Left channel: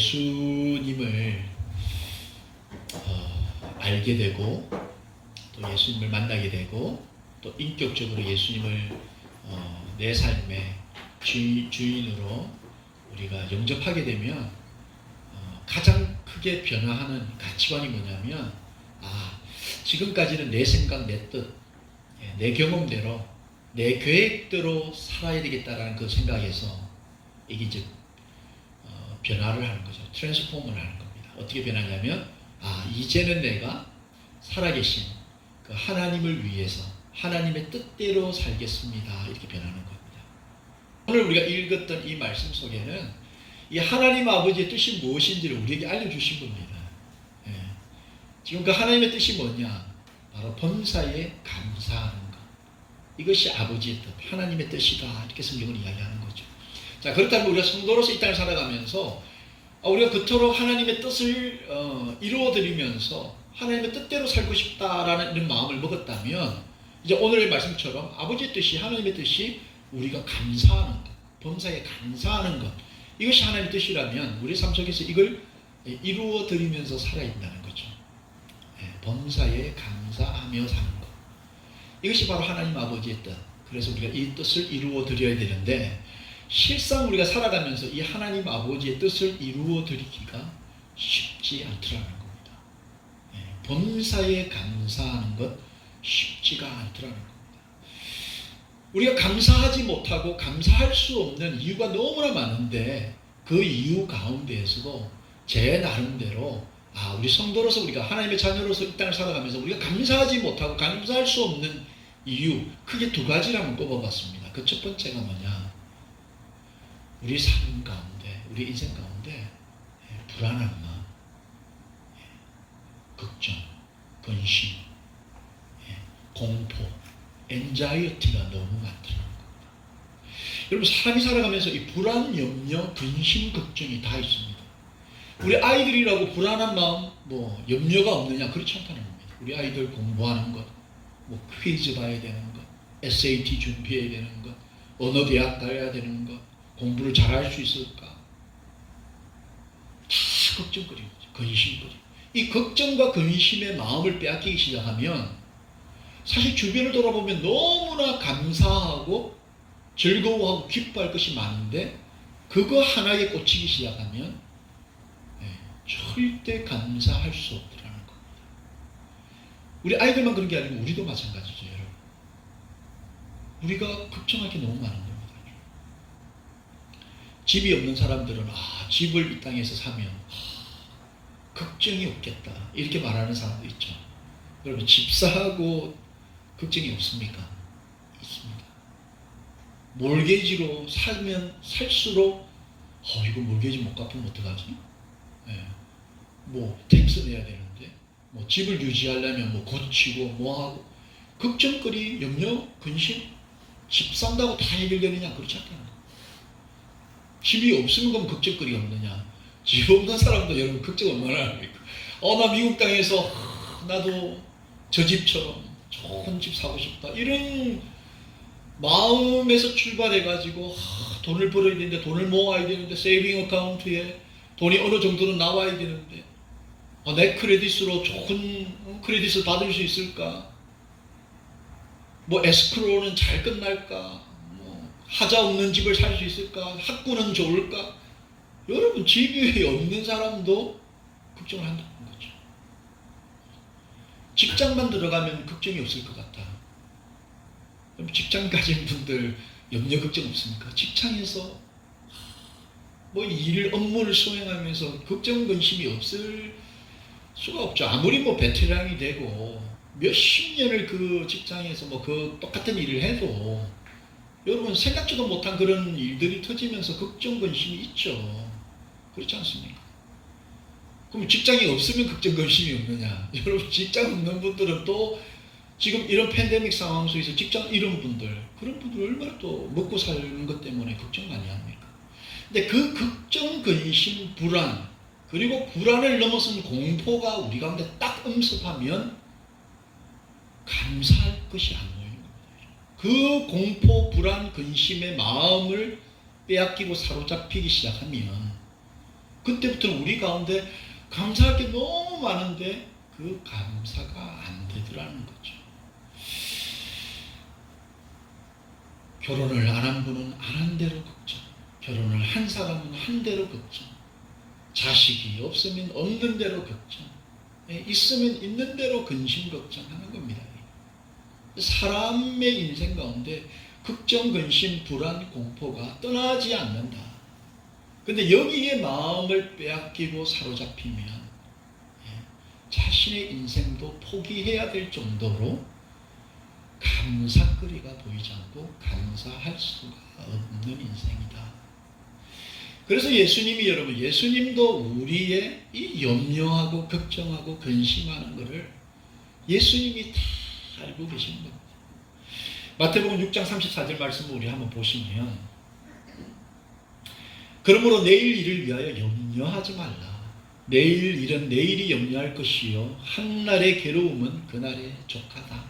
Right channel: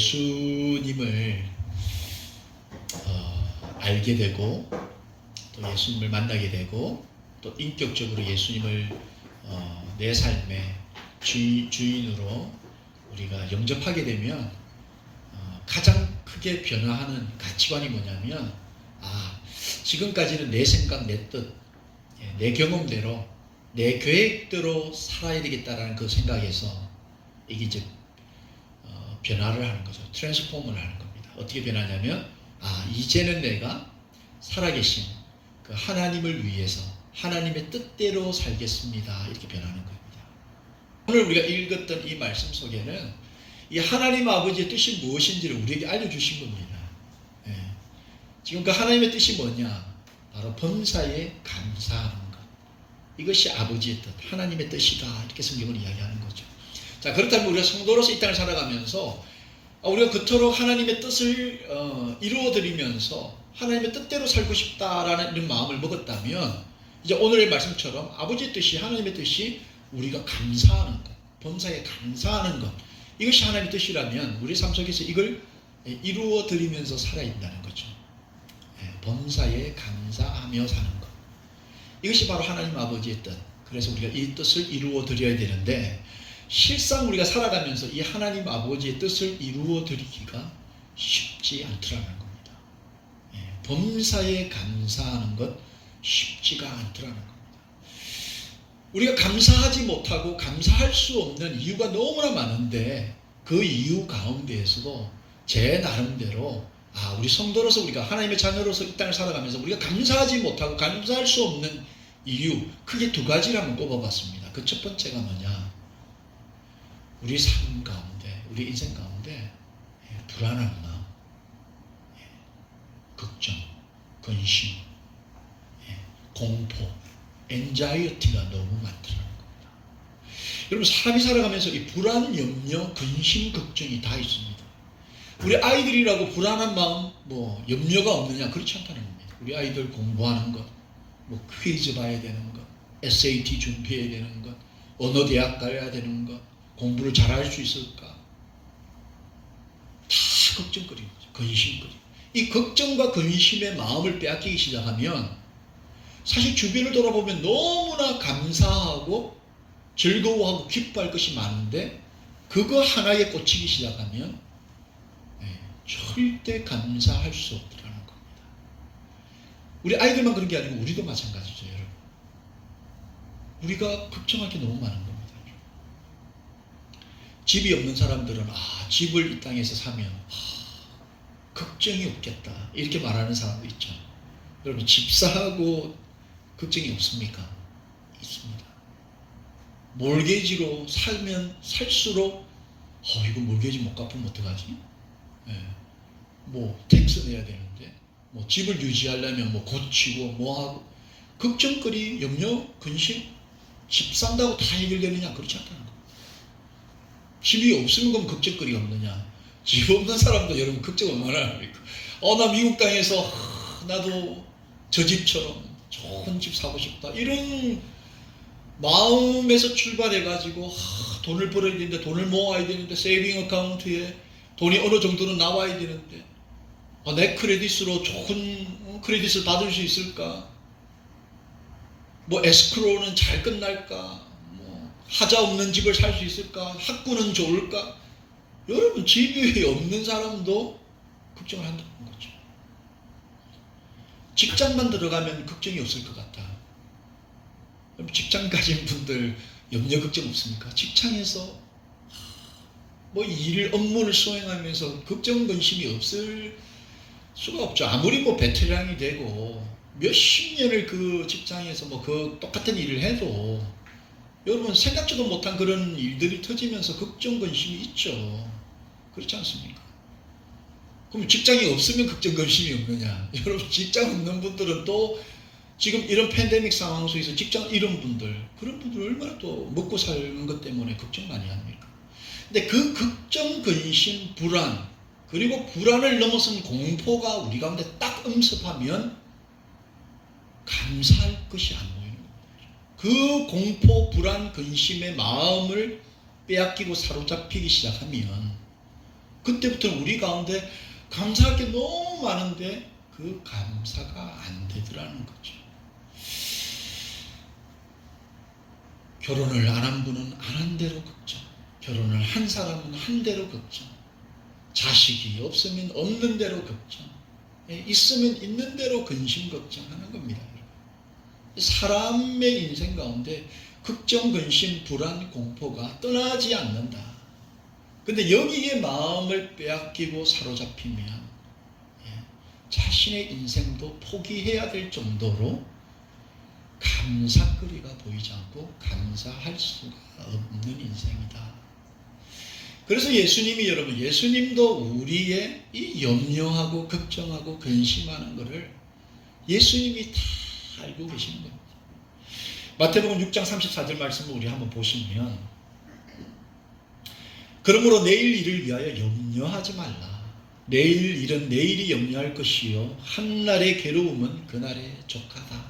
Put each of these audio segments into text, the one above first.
예수님을 알게 되고 또 예수님을 만나게 되고 또 인격적으로 예수님을 내 삶의 주인으로 우리가 영접하게 되면 가장 크게 변화하는 가치관이 뭐냐면 지금까지는 내 생각, 내 뜻, 내 경험대로 내 계획대로 살아야 되겠다라는 그 생각에서 이게 이제 변화를 하는 거죠. 트랜스포머를 하는 겁니다. 어떻게 변하냐면 이제는 내가 살아계신 그 하나님을 위해서 하나님의 뜻대로 살겠습니다. 이렇게 변하는 겁니다. 오늘 우리가 읽었던 이 말씀 속에는 이 하나님 아버지의 뜻이 무엇인지를 우리에게 알려주신 겁니다. 지금 그 하나님의 뜻이 뭐냐? 바로 범사에 감사하는 것. 이것이 아버지의 뜻, 하나님의 뜻이다. 이렇게 성경을 이야기하는 거죠. 자, 그렇다면 우리가 성도로서 이 땅을 살아가면서 우리가 그토록 하나님의 뜻을 이루어드리면서 하나님의 뜻대로 살고 싶다라는 이런 마음을 먹었다면 이제 오늘의 말씀처럼 아버지의 뜻이, 하나님의 뜻이 우리가 감사하는 것, 범사에 감사하는 것, 이것이 하나님의 뜻이라면 우리 삶 속에서 이걸 이루어드리면서 살아야 된다는 거죠. 범사에 감사하며 사는 것, 이것이 바로 하나님 아버지의 뜻. 그래서 우리가 이 뜻을 이루어드려야 되는데 실상 우리가 살아가면서 이 하나님 아버지의 뜻을 이루어드리기가 쉽지 않더라는 겁니다. 범사에 감사하는 것 쉽지가 않더라는 겁니다. 우리가 감사하지 못하고 감사할 수 없는 이유가 너무나 많은데 그 이유 가운데에서도 제 나름대로 우리 성도로서 우리가 하나님의 자녀로서 이 땅을 살아가면서 우리가 감사하지 못하고 감사할 수 없는 이유 크게 두 가지를 한번 꼽아봤습니다. 그 첫 번째가 뭐냐? 우리 삶 가운데, 우리 인생 가운데 불안한 마음, 걱정, 근심, 공포, 엔자이어티가 너무 많더라는 겁니다. 여러분, 사람이 살아가면서 이 불안, 염려, 근심, 걱정이 다 있습니다. 우리 아이들이라고 불안한 마음, 염려가 없느냐? 그렇지 않다는 겁니다. 우리 아이들 공부하는 것, 퀴즈 봐야 되는 것, SAT 준비해야 되는 것, 어느 대학 가야 되는 것, 공부를 잘할 수 있을까? 다 걱정거리죠. 근심거리. 이 걱정과 근심의 마음을 빼앗기기 시작하면 사실 주변을 돌아보면 너무나 감사하고 즐거워하고 기뻐할 것이 많은데 그거 하나에 꽂히기 시작하면 절대 감사할 수 없더라는 겁니다. 우리 아이들만 그런 게 아니고 우리도 마찬가지죠, 여러분. 우리가 걱정할 게 너무 많은 겁니다. 집이 없는 사람들은 집을 이 땅에서 사면 걱정이 없겠다 이렇게 말하는 사람도 있죠. 여러분, 집 사고 걱정이 없습니까? 있습니다. 몰개지로 살면 살수록 이거 몰개지 못 갚으면 어떡하지? 텍스 내야 되는데 집을 유지하려면 고치고 하고 걱정거리, 염려, 근심, 집 산다고 다 해결되느냐? 그렇지 않다는 거예요. 집이 없으면 그럼 걱정거리가 없느냐? 집 없는 사람도 여러분 걱정 얼마나 합니까? 나 미국 땅에서 나도 저 집처럼 좋은 집 사고 싶다 이런 마음에서 출발해가지고 돈을 벌어야 되는데, 돈을 모아야 되는데, 세이빙 어카운트에 돈이 어느 정도는 나와야 되는데 내 크레딧으로 좋은 크레딧을 받을 수 있을까? 에스크로는 잘 끝날까? 하자 없는 집을 살 수 있을까? 학구는 좋을까? 여러분, 집이 없는 사람도 걱정을 한다는 거죠. 직장만 들어가면 걱정이 없을 것 같다. 직장 가진 분들 염려 걱정 없습니까? 직장에서 업무를 수행하면서 걱정 근심이 없을 수가 없죠. 아무리 베테랑이 되고 몇십 년을 그 직장에서 그 똑같은 일을 해도 여러분 생각지도 못한 그런 일들이 터지면서 걱정 근심이 있죠. 그렇지 않습니까? 그럼 직장이 없으면 걱정 근심이 없느냐? 여러분, 직장 없는 분들은 또 지금 이런 팬데믹 상황 속에서 직장 잃은 분들, 그런 분들 얼마나 또 먹고 사는 것 때문에 걱정 많이 합니까? 근데 그 걱정, 근심, 불안, 그리고 불안을 넘어선 공포가 우리 가운데 딱 엄습하면 감사할 것이 안 보이는 겁니다. 그 공포, 불안, 근심의 마음을 빼앗기고 사로잡히기 시작하면 그때부터는 우리 가운데 감사할 게 너무 많은데 그 감사가 안 되더라는 거죠. 결혼을 안 한 분은 안 한 대로 걱정, 결혼을 한 사람은 한 대로 걱정, 자식이 없으면 없는 대로 걱정, 있으면 있는 대로 근심 걱정하는 겁니다. 사람의 인생 가운데 걱정, 근심, 불안, 공포가 떠나지 않는다. 근데 여기에 마음을 빼앗기고 사로잡히면 자신의 인생도 포기해야 될 정도로 감사거리가 보이지 않고 감사할 수가 없는 인생이다. 그래서 예수님이 여러분, 예수님도 우리의 이 염려하고 걱정하고 근심하는 것을 예수님이 다 알고 계신 겁니다. 마태복음 6장 34절 말씀을 우리 한번 보시면, 그러므로 내일 일을 위하여 염려하지 말라. 내일 일은 내일이 염려할 것이요 한날의 괴로움은 그날의 족하다.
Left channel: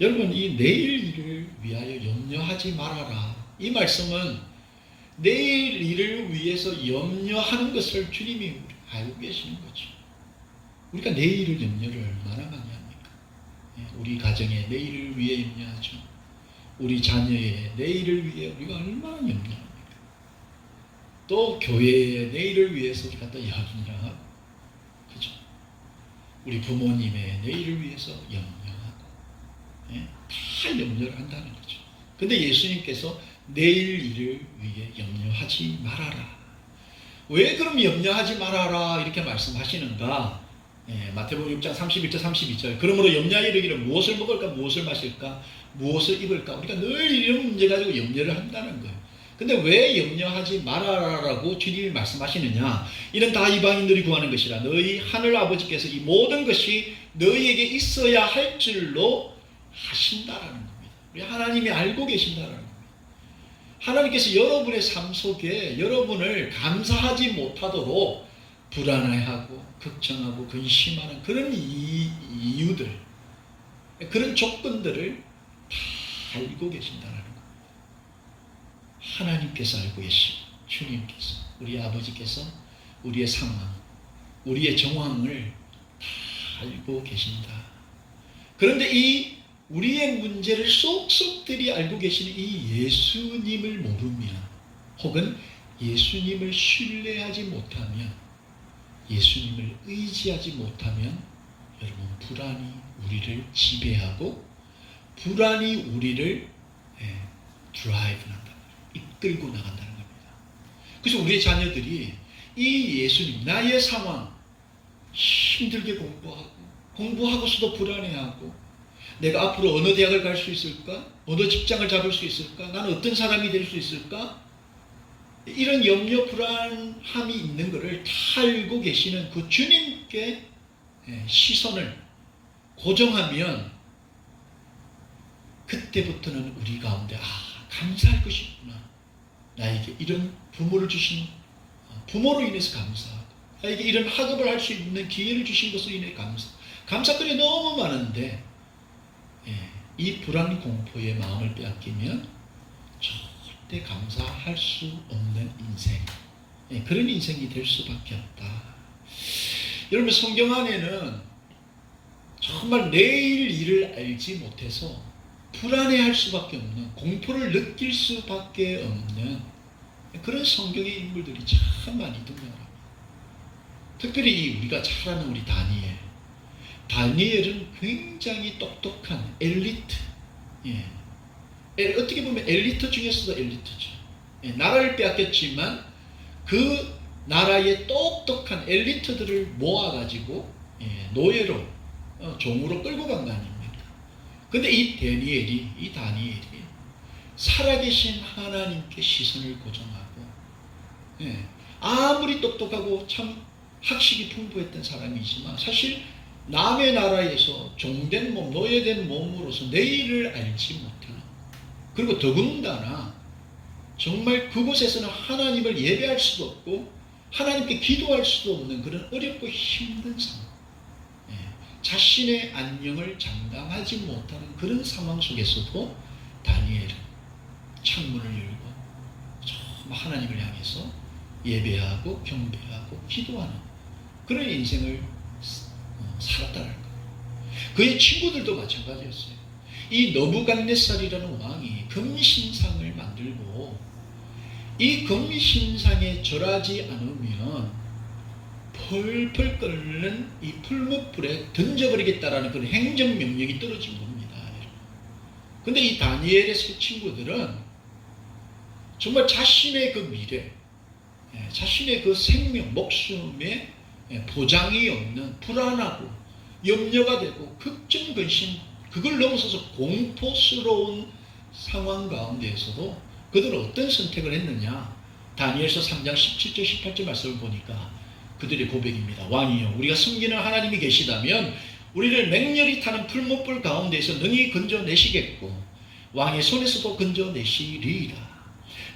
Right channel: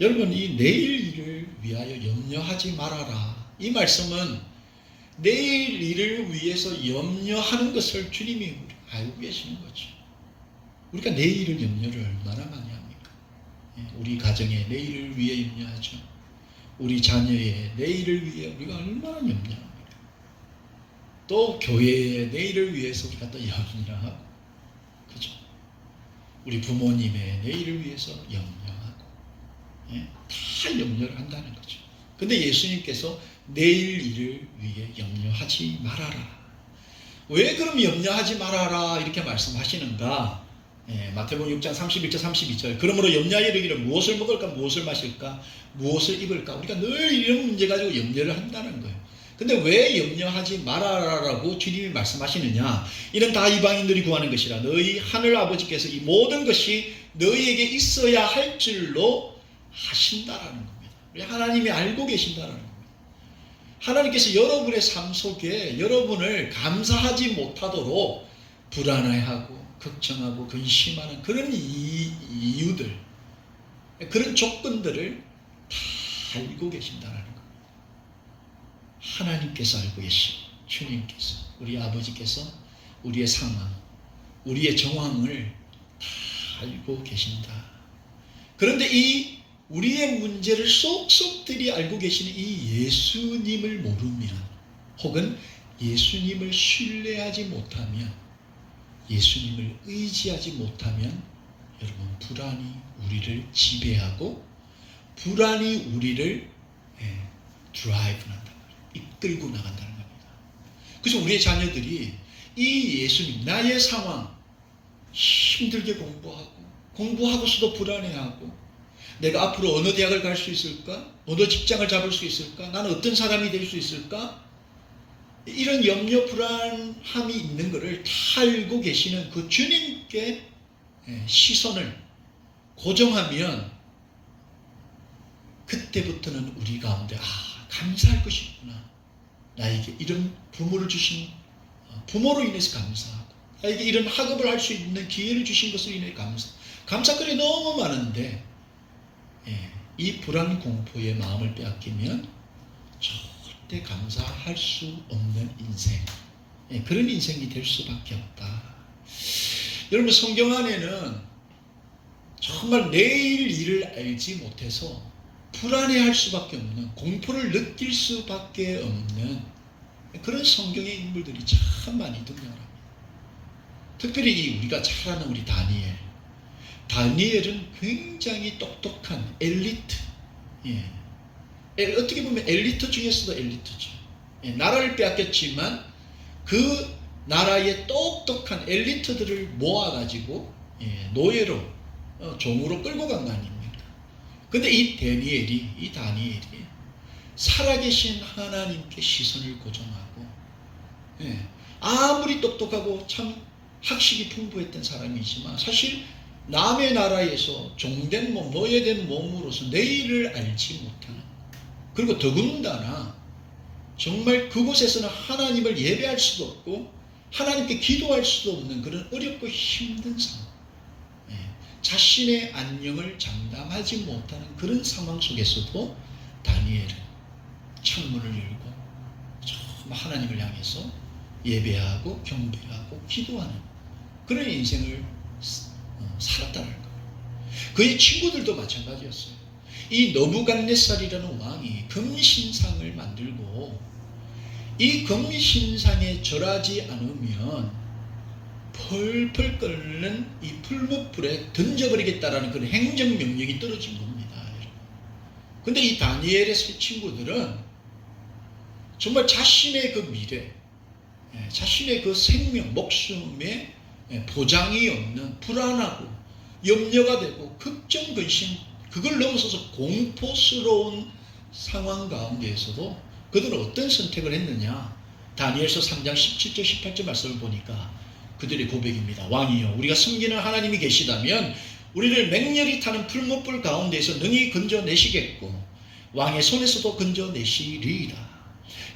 여러분, 이 내일 일을 위하여 염려하지 말아라, 이 말씀은 내일 일을 위해서 염려하는 것을 주님이 알고 계시는 거죠. 우리가 내일을 염려를 얼마나 많이 합니까? 우리 가정의 내일을 위해 염려하죠. 우리 자녀의 내일을 위해 우리가 얼마나 염려합니까? 또 교회의 내일을 위해서 우리가 또 염려하고, 그죠? 우리 부모님의 내일을 위해서 염려하고, 다 염려를 한다는 거죠. 근데 예수님께서 내일 일을 위해 염려하지 말아라. 왜 그럼 염려하지 말아라 이렇게 말씀하시는가? 마태복음 6장 31절 32절. 그러므로 염려하여 이르기를 무엇을 먹을까, 무엇을 마실까, 무엇을 입을까. 우리가 늘 이런 문제 가지고 염려를 한다는 거예요. 근데 왜 염려하지 말아라라고 주님이 말씀하시느냐? 이는 다 이방인들이 구하는 것이라. 너희 하늘 아버지께서 이 모든 것이 너희에게 있어야 할 줄로 하신다라는 겁니다. 우리 하나님이 알고 계신다라는 겁니다. 하나님께서 여러분의 삶 속에 여러분을 감사하지 못하도록 불안해하고 걱정하고 근심하는 그런 이유들, 그런 조건들을 다 알고 계신다는 겁니다. 하나님께서 알고 계시고, 주님께서, 우리 아버지께서 우리의 상황, 우리의 정황을 다 알고 계신다. 그런데 이 우리의 문제를 쏙쏙들이 알고 계시는 이 예수님을 모르면, 혹은 예수님을 신뢰하지 못하면, 예수님을 의지하지 못하면 여러분, 불안이 우리를 지배하고 불안이 우리를 드라이브 한단 말이에요. 이끌고 나간다는 겁니다. 그래서 우리의 자녀들이 이 예수님, 나의 상황, 힘들게 공부하고서도 불안해하고, 내가 앞으로 어느 대학을 갈 수 있을까? 어느 직장을 잡을 수 있을까? 나는 어떤 사람이 될 수 있을까? 이런 염려, 불안함이 있는 것을 다 알고 계시는 그 주님께 시선을 고정하면, 그때부터는 우리 가운데 감사할 것이 있구나. 나에게 이런 부모를 주신 부모로 인해서 감사하고, 나에게 이런 학업을 할 수 있는 기회를 주신 것으로 인해 감사거리 너무 많은데, 이 불안 공포의 마음을 빼앗기면 절대 감사할 수 없는 인생, 그런 인생이 될 수밖에 없다. 여러분, 성경 안에는 정말 내일 일을 알지 못해서 불안해할 수밖에 없는, 공포를 느낄 수밖에 없는 그런 성경의 인물들이 참 많이 등장합니다. 특별히 우리가 잘 아는 우리 다니엘은 굉장히 똑똑한 엘리트, 어떻게 보면 엘리트 중에서도 엘리트죠. 나라를 빼앗겼지만 그 나라의 똑똑한 엘리트들을 모아가지고 노예로, 종으로 끌고 간 거 아닙니까? 근데 이 다니엘이 살아계신 하나님께 시선을 고정하고, 아무리 똑똑하고 참 학식이 풍부했던 사람이지만 사실 남의 나라에서 종된 몸, 노예된 몸으로서 내일을 알지 못하는, 그리고 더군다나 정말 그곳에서는 하나님을 예배할 수도 없고 하나님께 기도할 수도 없는 그런 어렵고 힘든 상황, 자신의 안녕을 장담하지 못하는 그런 상황 속에서도 다니엘은 창문을 열고 정말 하나님을 향해서 예배하고 경배하고 기도하는 그런 인생을 살았다는 거예요. 그의 친구들도 마찬가지였어요. 이 너부갓네살이라는 왕이 금신상을 만들고 이 금신상에 절하지 않으면 펄펄 끓는 이 풀무불에 던져버리겠다라는 그런 행정명령이 떨어진 겁니다. 근데 이 다니엘의 세 친구들은 정말 자신의 그 미래, 자신의 그 생명, 목숨에 보장이 없는 불안하고 염려가 되고 걱정, 근심, 그걸 넘어서서 공포스러운 상황 가운데에서도 그들은 어떤 선택을 했느냐. 다니엘서 3장 17절 18절 말씀을 보니까 그들의 고백입니다. 왕이여, 우리가 섬기는 하나님이 계시다면 우리를 맹렬히 타는 풀무불 가운데에서 능히 건져내시겠고 왕의 손에서도 건져내시리라.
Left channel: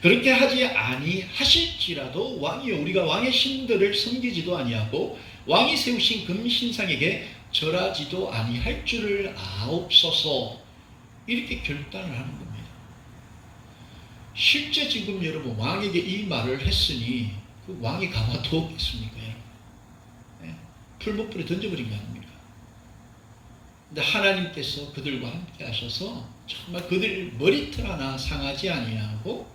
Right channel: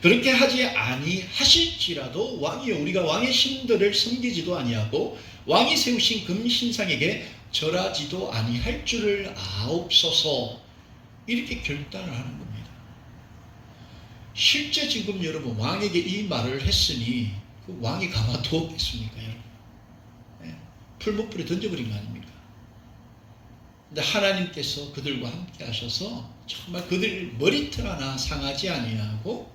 그렇게 하지 아니하실지라도 왕이여, 우리가 왕의 신들을 섬기지도 아니하고 왕이 세우신 금신상에게 절하지도 아니할 줄을 아옵소서. 이렇게 결단을 하는 겁니다. 실제 지금 여러분 왕에게 이 말을 했으니 그 왕이 가만두었겠습니까? 풀무불에 던져버린 거 아닙니까? 근데 하나님께서 그들과 함께 하셔서 정말 그들 머리털 하나 상하지 아니하고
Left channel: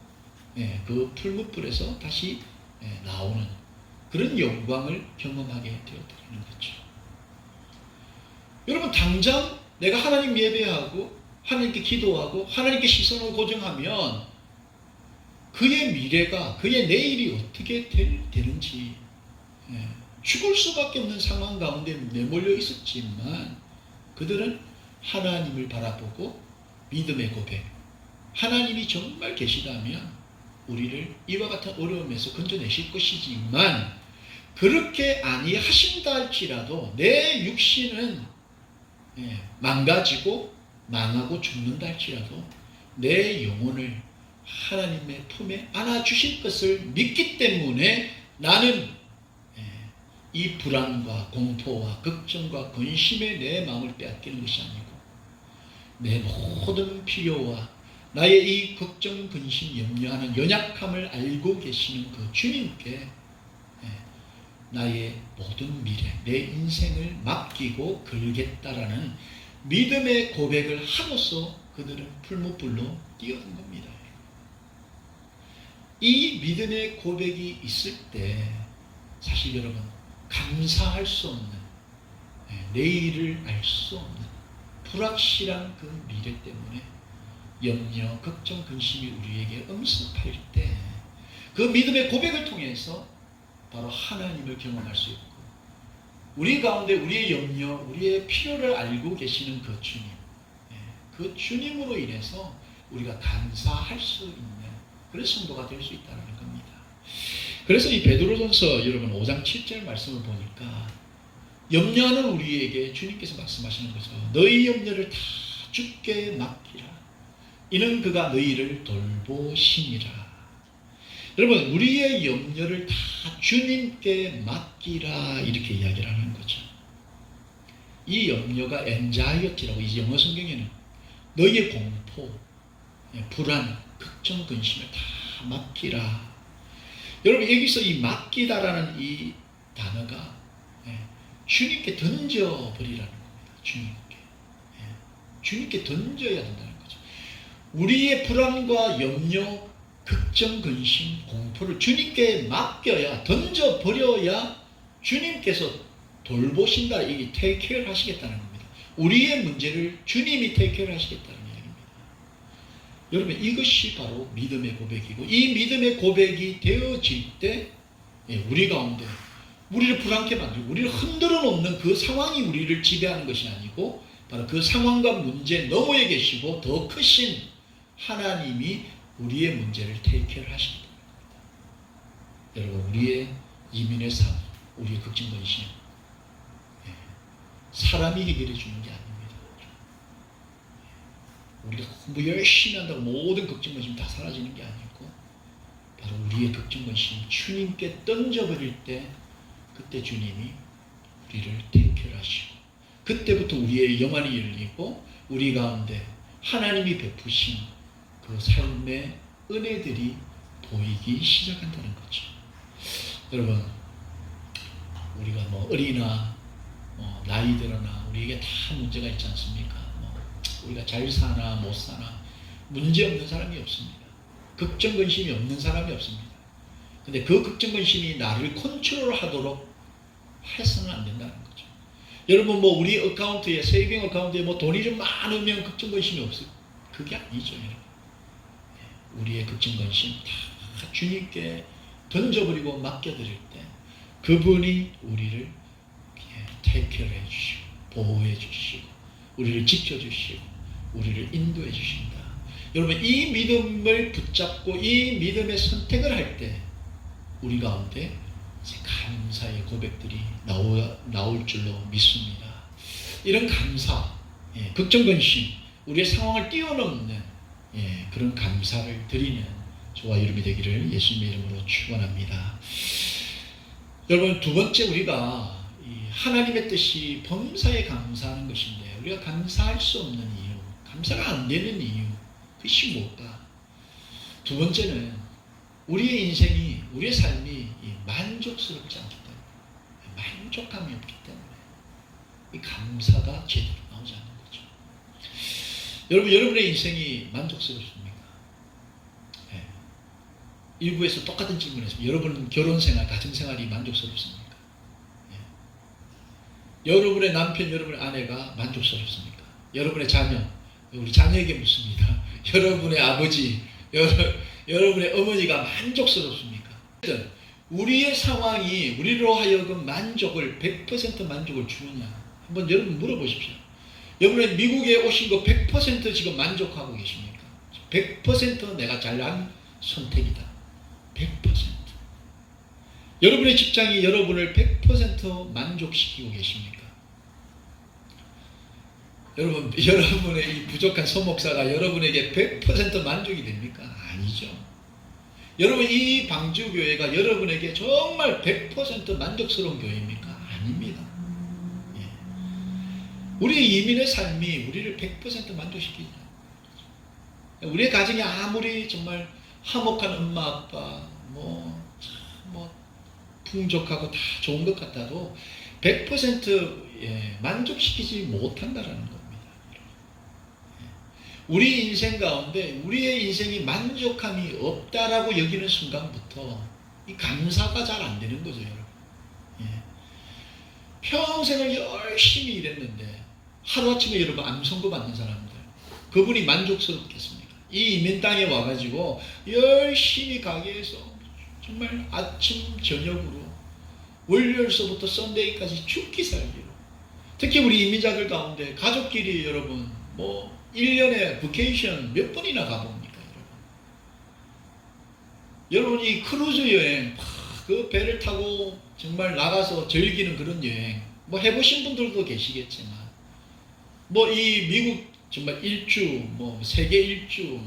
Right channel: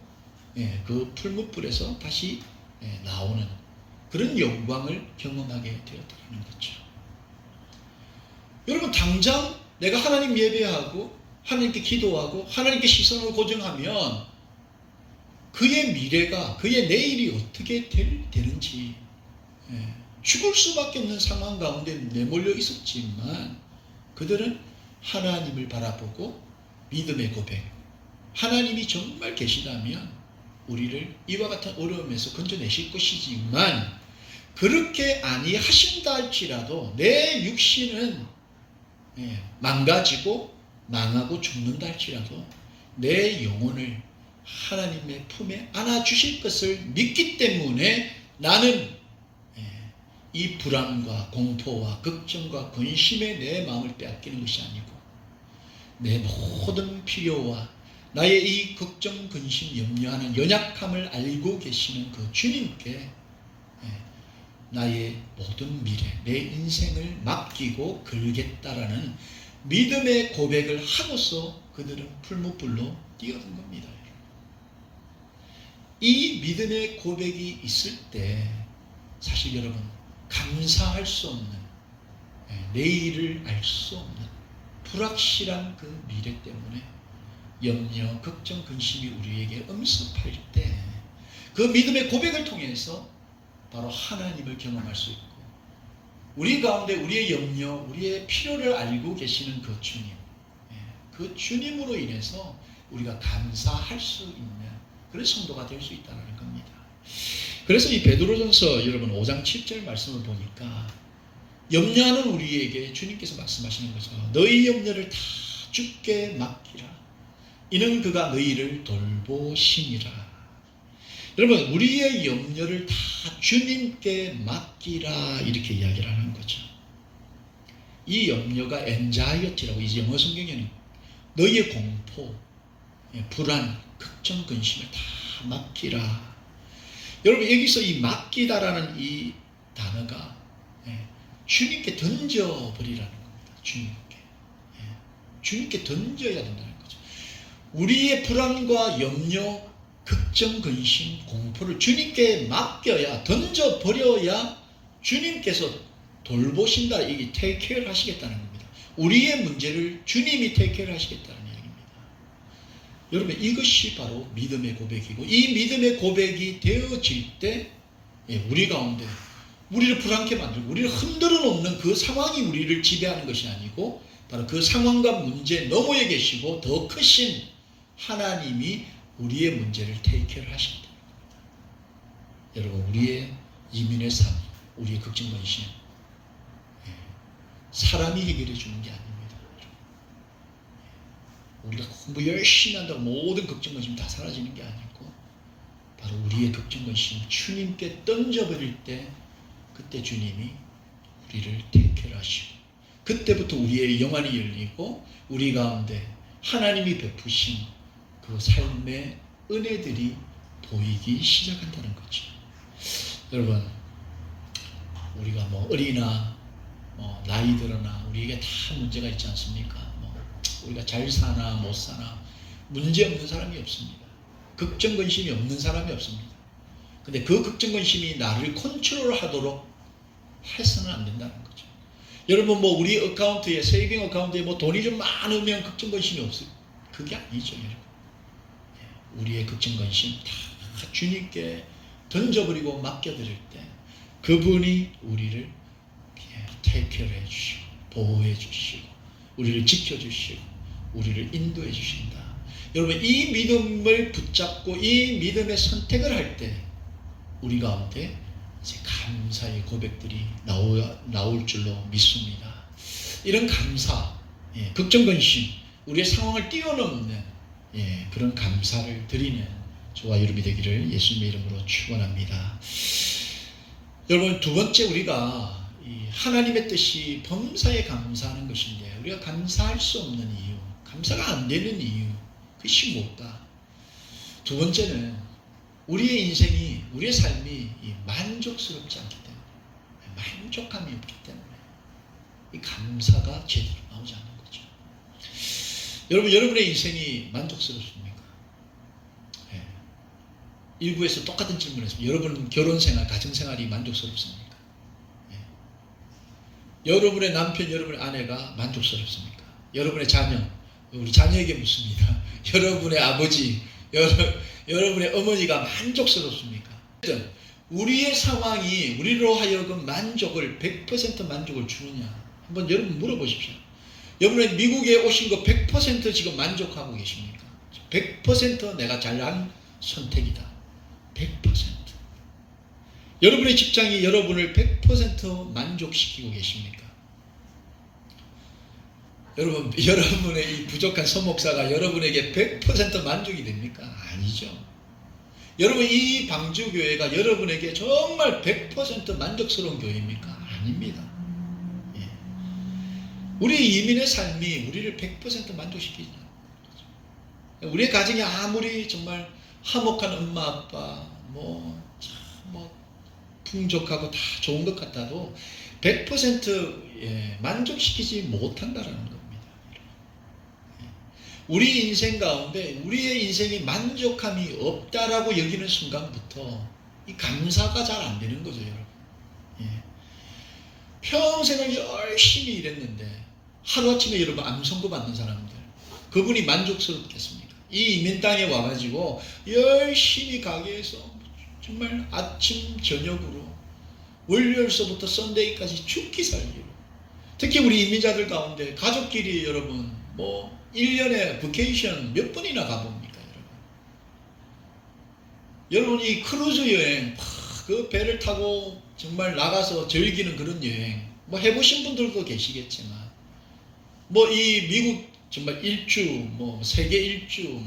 그 풀무불에서 다시 나오는 그런 영광을 경험하게 되었다는 거죠. 여러분 당장 내가 하나님 예배하고 하나님께 기도하고 하나님께 시선을 고정하면 그의 미래가, 그의 내일이 어떻게 되는지 죽을 수밖에 없는 상황 가운데 내몰려 있었지만 그들은 하나님을 바라보고 믿음의 고백, 하나님이 정말 계시다면 우리를 이와 같은 어려움에서 건져내실 것이지만 그렇게 아니하신다 할지라도 내 육신은 망가지고 망하고 죽는다 할지라도 내 영혼을 하나님의 품에 안아주실 것을 믿기 때문에 나는 이 불안과 공포와 걱정과 근심에 내 마음을 빼앗기는 것이 아니고 내 모든 필요와 나의 이 걱정, 근심, 염려하는 연약함을 알고 계시는 그 주님께 나의 모든 미래, 내 인생을 맡기고 걸겠다라는 믿음의 고백을 하고서 그들은 풀무불로 뛰어든 겁니다. 이 믿음의 고백이 있을 때 사실 여러분 감사할 수 없는, 내일을 알 수 없는 불확실한 그 미래 때문에 염려, 걱정, 근심이 우리에게 엄습할 때 그 믿음의 고백을 통해서 바로 하나님을 경험할 수 있고 우리 가운데 우리의 염려, 우리의 필요를 알고 계시는 그 주님, 그 주님으로 인해서 우리가 감사할 수 있는 그런 성도가 될 수 있다는 겁니다. 그래서 이 베드로전서 여러분 5장 7절 말씀을 보니까 염려하는 우리에게 주님께서 말씀하시는 거죠. 너희 염려를 다 주께 맡기라. 이는 그가 너희를 돌보시니라. 여러분 우리의 염려를 다 주님께 맡기라 이렇게 이야기를 하는 거죠. 이 염려가 anxiety라고 이 영어 성경에는 너희의 공포, 불안, 걱정, 근심을 다 맡기라. 여러분 여기서 이 맡기다라는 이 단어가 주님께 던져버리라는 겁니다. 주님께 던져야 된다는 거죠. 우리의 불안과 염려, 걱정, 근심, 공포를 주님께 맡겨야, 던져버려야 주님께서 돌보신다, 이 take care 하시겠다는 겁니다. 우리의 문제를 주님이 take care 하시겠다는 이야기입니다. 여러분 이것이 바로 믿음의 고백이고 이 믿음의 고백이 되어질 때 우리 가운데 우리를 불안케 만들고 우리를 흔들어 놓는 그 상황이 우리를 지배하는 것이 아니고 바로 그 상황과 문제 너머에 계시고 더 크신 하나님이 우리의 문제를 테이크를 하신다. 여러분 우리의 이민의 삶, 우리의 걱정 근심 사람이 해결해 주는 게 아닙니다. 우리가 공부 열심히 한다고 모든 걱정 근심 다 사라지는 게 아니고 바로 우리의 걱정 근심 주님께 던져버릴 때 그때 주님이 우리를 테이크를 하시고 그때부터 우리의 영안이 열리고 우리 가운데 하나님이 베푸신 그 삶의 은혜들이 보이기 시작한다는 거죠. 여러분, 우리가 뭐 어리나 나이 들어나 우리에게 다 문제가 있지 않습니까? 우리가 잘 사나 못 사나 문제 없는 사람이 없습니다. 걱정 근심이 없는 사람이 없습니다. 근데 그 걱정 근심이 나를 컨트롤하도록 해서는 안 된다는 거죠. 여러분, 뭐 우리 어카운트에, 세이빙 어카운트에 뭐 돈이 좀 많으면 걱정 근심이 없어요. 그게 아니죠, 여러분. 우리의 걱정 근심 다 주님께 던져버리고 맡겨드릴 때 그분이 우리를 테이크케어 해주시고 보호해 주시고 우리를 지켜주시고 우리를 인도해 주신다. 여러분, 이 믿음을 붙잡고 이 믿음의 선택을 할 때 우리 가운데 이제 감사의 고백들이 나올 줄로 믿습니다. 이런 감사, 걱정 근심, 우리의 상황을 뛰어넘는 그런 감사를 드리는 저와 여러분이 되기를 예수님의 이름으로 축원합니다. 여러분, 두 번째, 우리가 하나님의 뜻이 범사에 감사하는 것인데 우리가 감사할 수 없는 이유, 감사가 안 되는 이유, 그것이 뭘까? 두 번째는 우리의 인생이, 우리의 삶이 만족스럽지 않기 때문에, 만족감이 없기 때문에 이 감사가 제대로 나오지 않는 거죠. 여러분, 여러분의 인생이 만족스럽습니까? 일부에서 똑같은 질문을 했습니다. 여러분 결혼생활, 가정생활이 만족스럽습니까? 여러분의 남편, 여러분의 아내가 만족스럽습니까? 여러분의 자녀, 우리 자녀에게 묻습니다. 여러분의 아버지, 여러분의 어머니가 만족스럽습니까? 우리의 상황이 우리로 하여금 만족을 100% 만족을 주느냐? 한번 여러분 물어보십시오. 여러분의 미국에 오신 거 100% 지금 만족하고 계십니까? 100% 내가 잘한 선택이다. 100%. 여러분의 직장이 여러분을 100% 만족시키고 계십니까? 여러분, 여러분의 이 부족한 소목사가 여러분에게 100% 만족이 됩니까? 아니죠. 여러분, 이 방주교회가 여러분에게 정말 100% 만족스러운 교회입니까? 아닙니다. 우리 이민의 삶이 우리를 100% 만족시키죠. 우리의 가정이 아무리 정말 화목한 엄마, 아빠, 풍족하고 다 좋은 것 같아도 100% 만족시키지 못한다라는 겁니다. 우리 인생 가운데 우리의 인생이 만족함이 없다라고 여기는 순간부터 이 감사가 잘 안 되는 거죠, 여러분. 평생을 열심히 일했는데 하루아침에 여러분 암선고 받는 사람들, 그분이 만족스럽겠습니까? 이 이민 땅에 와가지고 열심히 가게에서 정말 아침 저녁으로 월요일서부터 썬데이까지 죽기 살기로, 특히 우리 이민자들 가운데 가족끼리 여러분 1년에 버케이션 몇 번이나 가봅니까? 여러분 이 크루즈 여행, 그 배를 타고 정말 나가서 즐기는 그런 여행 해보신 분들도 계시겠지만 이 미국 정말 일주, 세계 일주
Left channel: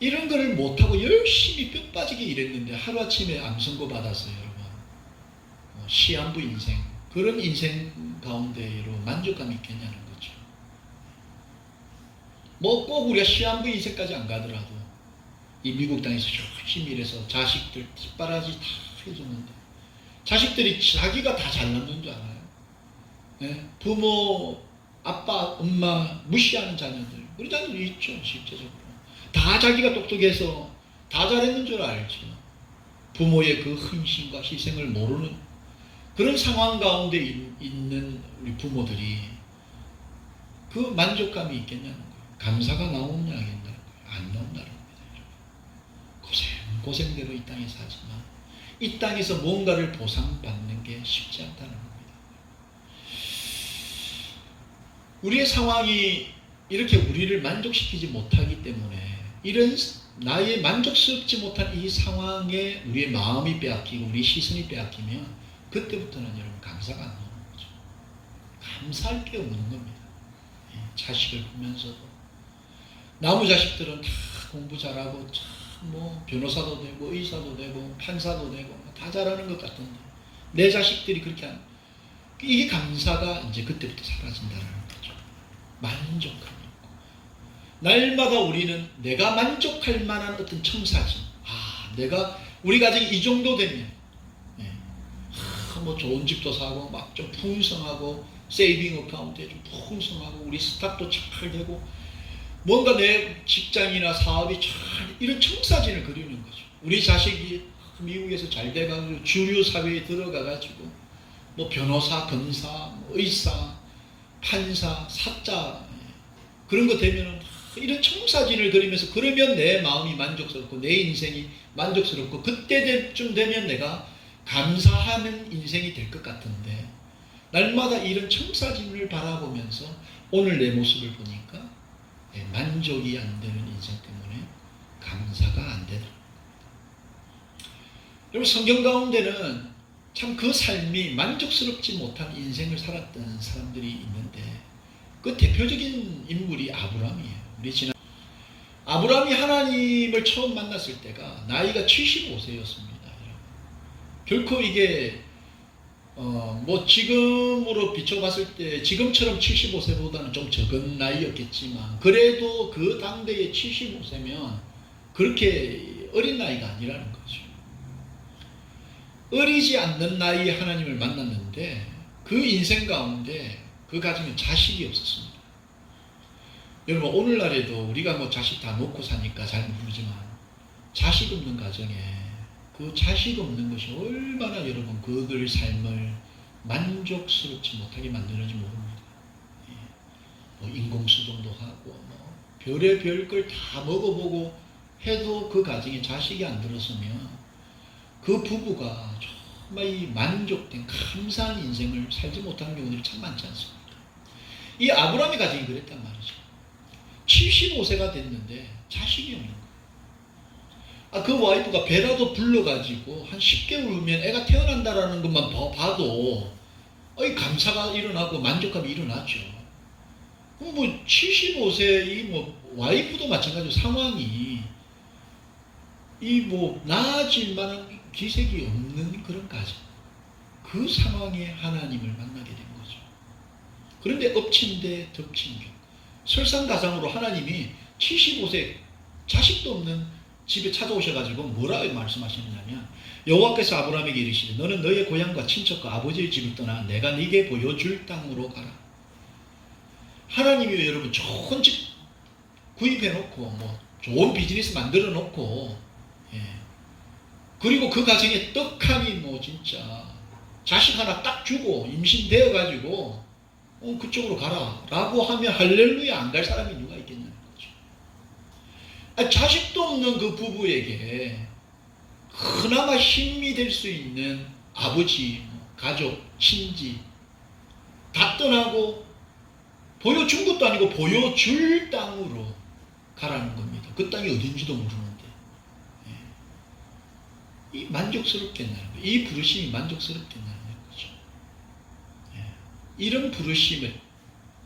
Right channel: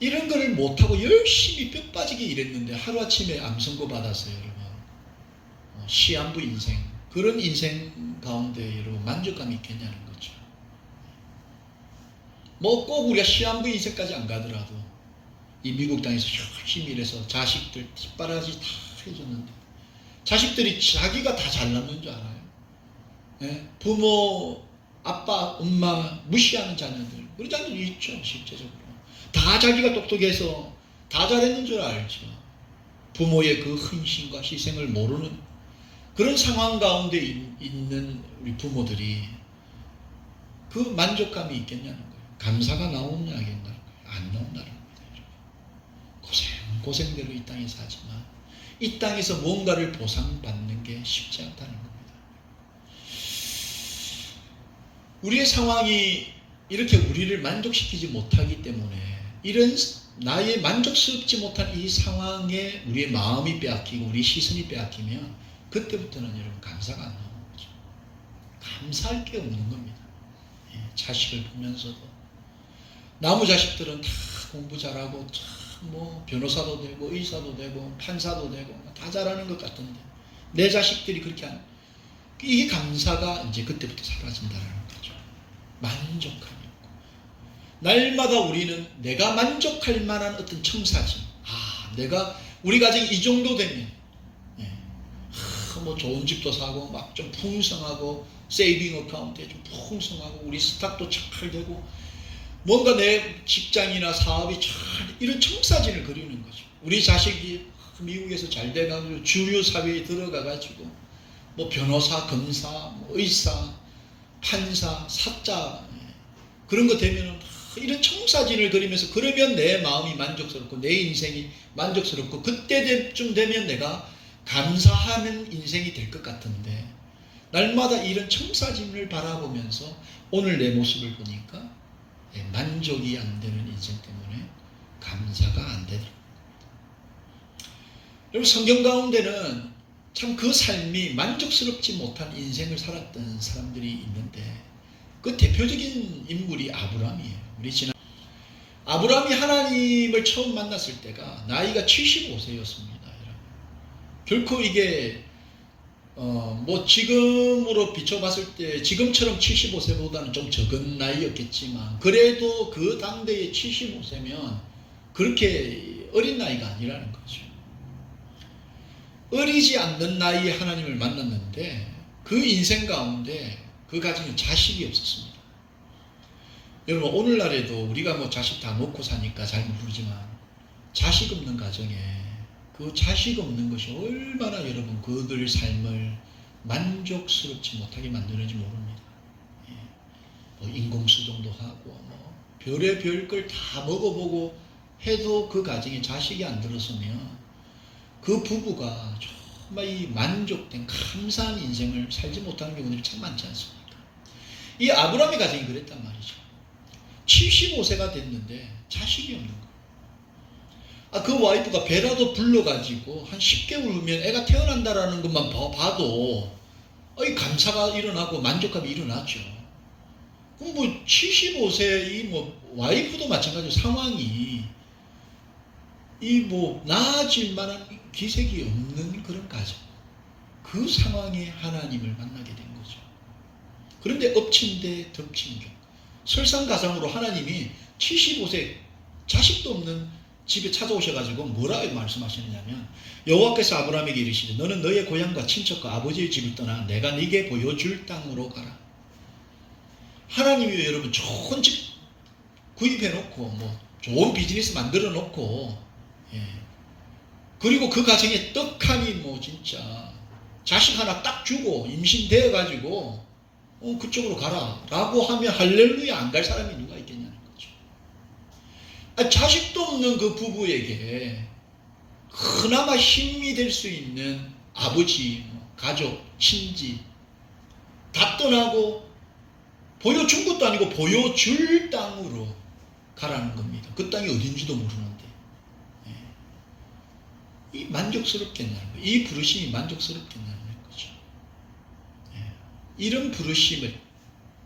이런 거를 못하고 열심히 뼈 빠지게 일했는데 하루아침에 암 선고 받아서 여러분 시한부 인생, 그런 인생 가운데 여러분 만족감이 있겠냐는 거죠. 꼭 우리가 시한부 인생까지 안 가더라도 이 미국 땅에서 열심히 일해서 자식들 뒷바라지 다 해줬는데 자식들이 자기가 다 잘났는 줄 알아요. 부모, 아빠, 엄마 무시하는 자녀들, 우리 자녀들 있죠. 실제적으로 다 자기가 똑똑해서 다 잘했는 줄 알죠. 부모의 그 헌신과 희생을 모르는 그런 상황 가운데 있는 우리 부모들이 그 만족감이 있겠냐는 거예요. 감사가 나오느냐 안 나온다는 겁니다. 고생대로 이 땅에 사지만 이 땅에서 뭔가를 보상받는 게 쉽지 않다는 겁니다. 우리의 상황이 이렇게 우리를 만족시키지 못하기 때문에 이런 나의 만족스럽지 못한 이 상황에 우리의 마음이 빼앗기고 우리 시선이 빼앗기면 그때부터는 여러분 감사가 안 나오는 거죠. 감사할 게 없는 겁니다. 자식을 보면서도 나무 자식들은 다 공부 잘하고 변호사도 되고 의사도 되고 판사도 되고 다 잘하는 것 같은데 내 자식들이 그렇게 안, 이게 감사가 이제 그때부터 사라진다는 거죠. 만족감이 없고 날마다 우리는 내가 만족할 만한 어떤 청사진, 내가 우리 가정이 이 정도 되면 뭐 좋은 집도 사고 막 좀 풍성하고 세이빙 어카운트에 좀 풍성하고 우리 스탁도 잘 되고 뭔가 내 직장이나 사업이 잘 이런 청사진을 그리는 거죠. 우리 자식이 미국에서 잘 돼가지고 주류 사회에 들어가가지고 뭐 변호사, 검사, 뭐 의사, 판사, 사자 그런 거 되면은 이런 청사진을 그리면서 그러면 내 마음이 만족스럽고 내 인생이 만족스럽고 그때쯤 되면 내가 감사하는 인생이 될 것 같은데 날마다 이런 청사진을 바라보면서 오늘 내 모습을 보니까 만족이 안 되는 인생 때문에 감사가 안 되더라고요. 여러분 성경 가운데는 참 그 삶이 만족스럽지 못한 인생을 살았던 사람들이 있는데 그 대표적인 인물이 아브라함이에요. 아브라함이 하나님을 처음 만났을 때가 나이가 75세였습니다. 결코 이게 뭐 지금으로 비춰봤을 때 지금처럼 75세보다는 좀 적은 나이였겠지만 그래도 그 당대에 75세면 그렇게 어린 나이가 아니라는 거죠. 어리지 않는 나이에 하나님을 만났는데 그 인생 가운데 그 가정에 자식이 없었습니다. 여러분 오늘날에도 우리가 뭐 자식 다 놓고 사니까 잘 모르지만 자식 없는 가정에 그 자식 없는 것이 얼마나 여러분 그들 삶을 만족스럽지 못하게 만드는지 모릅니다. 뭐 인공수정도 하고 뭐 별의별 걸 다 먹어보고 해도 그 가정에 자식이 안 들었으면 그 부부가 정말 이 만족된 감사한 인생을 살지 못하는 경우들이 참 많지 않습니까? 이 아브라함의 가정이 그랬단 말이죠. 75세가 됐는데 자식이 없는 거예요. 그 와이프가 배라도 불러가지고 한 10개월 후면 애가 태어난다라는 것만 봐도 감사가 일어나고 만족감이 일어나죠. 그럼 뭐 75세 이 뭐 와이프도 마찬가지로 상황이 이 뭐 나아질 만한 기색이 없는 그런 가정. 그 상황에 하나님을 만나게 된 거죠. 그런데 엎친 데 덮친 격. 설상가상으로 하나님이 75세 자식도 없는 집에 찾아오셔가지고 뭐라고 말씀하시느냐면 여호와께서 아브라함에게 이르시되 너는 너의 고향과 친척과 아버지의 집을 떠나 내가 네게 보여줄 땅으로 가라. 하나님이 여러분 좋은 집 구입해놓고 뭐 좋은 비즈니스 만들어놓고 그리고 그 가정에 떡하니 뭐 진짜 자식 하나 딱 주고 임신되어가지고 그쪽으로 가라 라고 하면 할렐루야 안 갈 사람이 누가 있겠냐는 거죠. 자식도 없는 그 부부에게 그나마 힘이 될 수 있는 아버지, 가족, 친지 다 떠나고 보여준 것도 아니고 보여줄 땅으로 가라는 겁니다. 그 땅이 어딘지도 모르는데 이 만족스럽겠냐는 거예요. 이 부르심이 만족스럽겠냐는 거죠. 이런 부르심을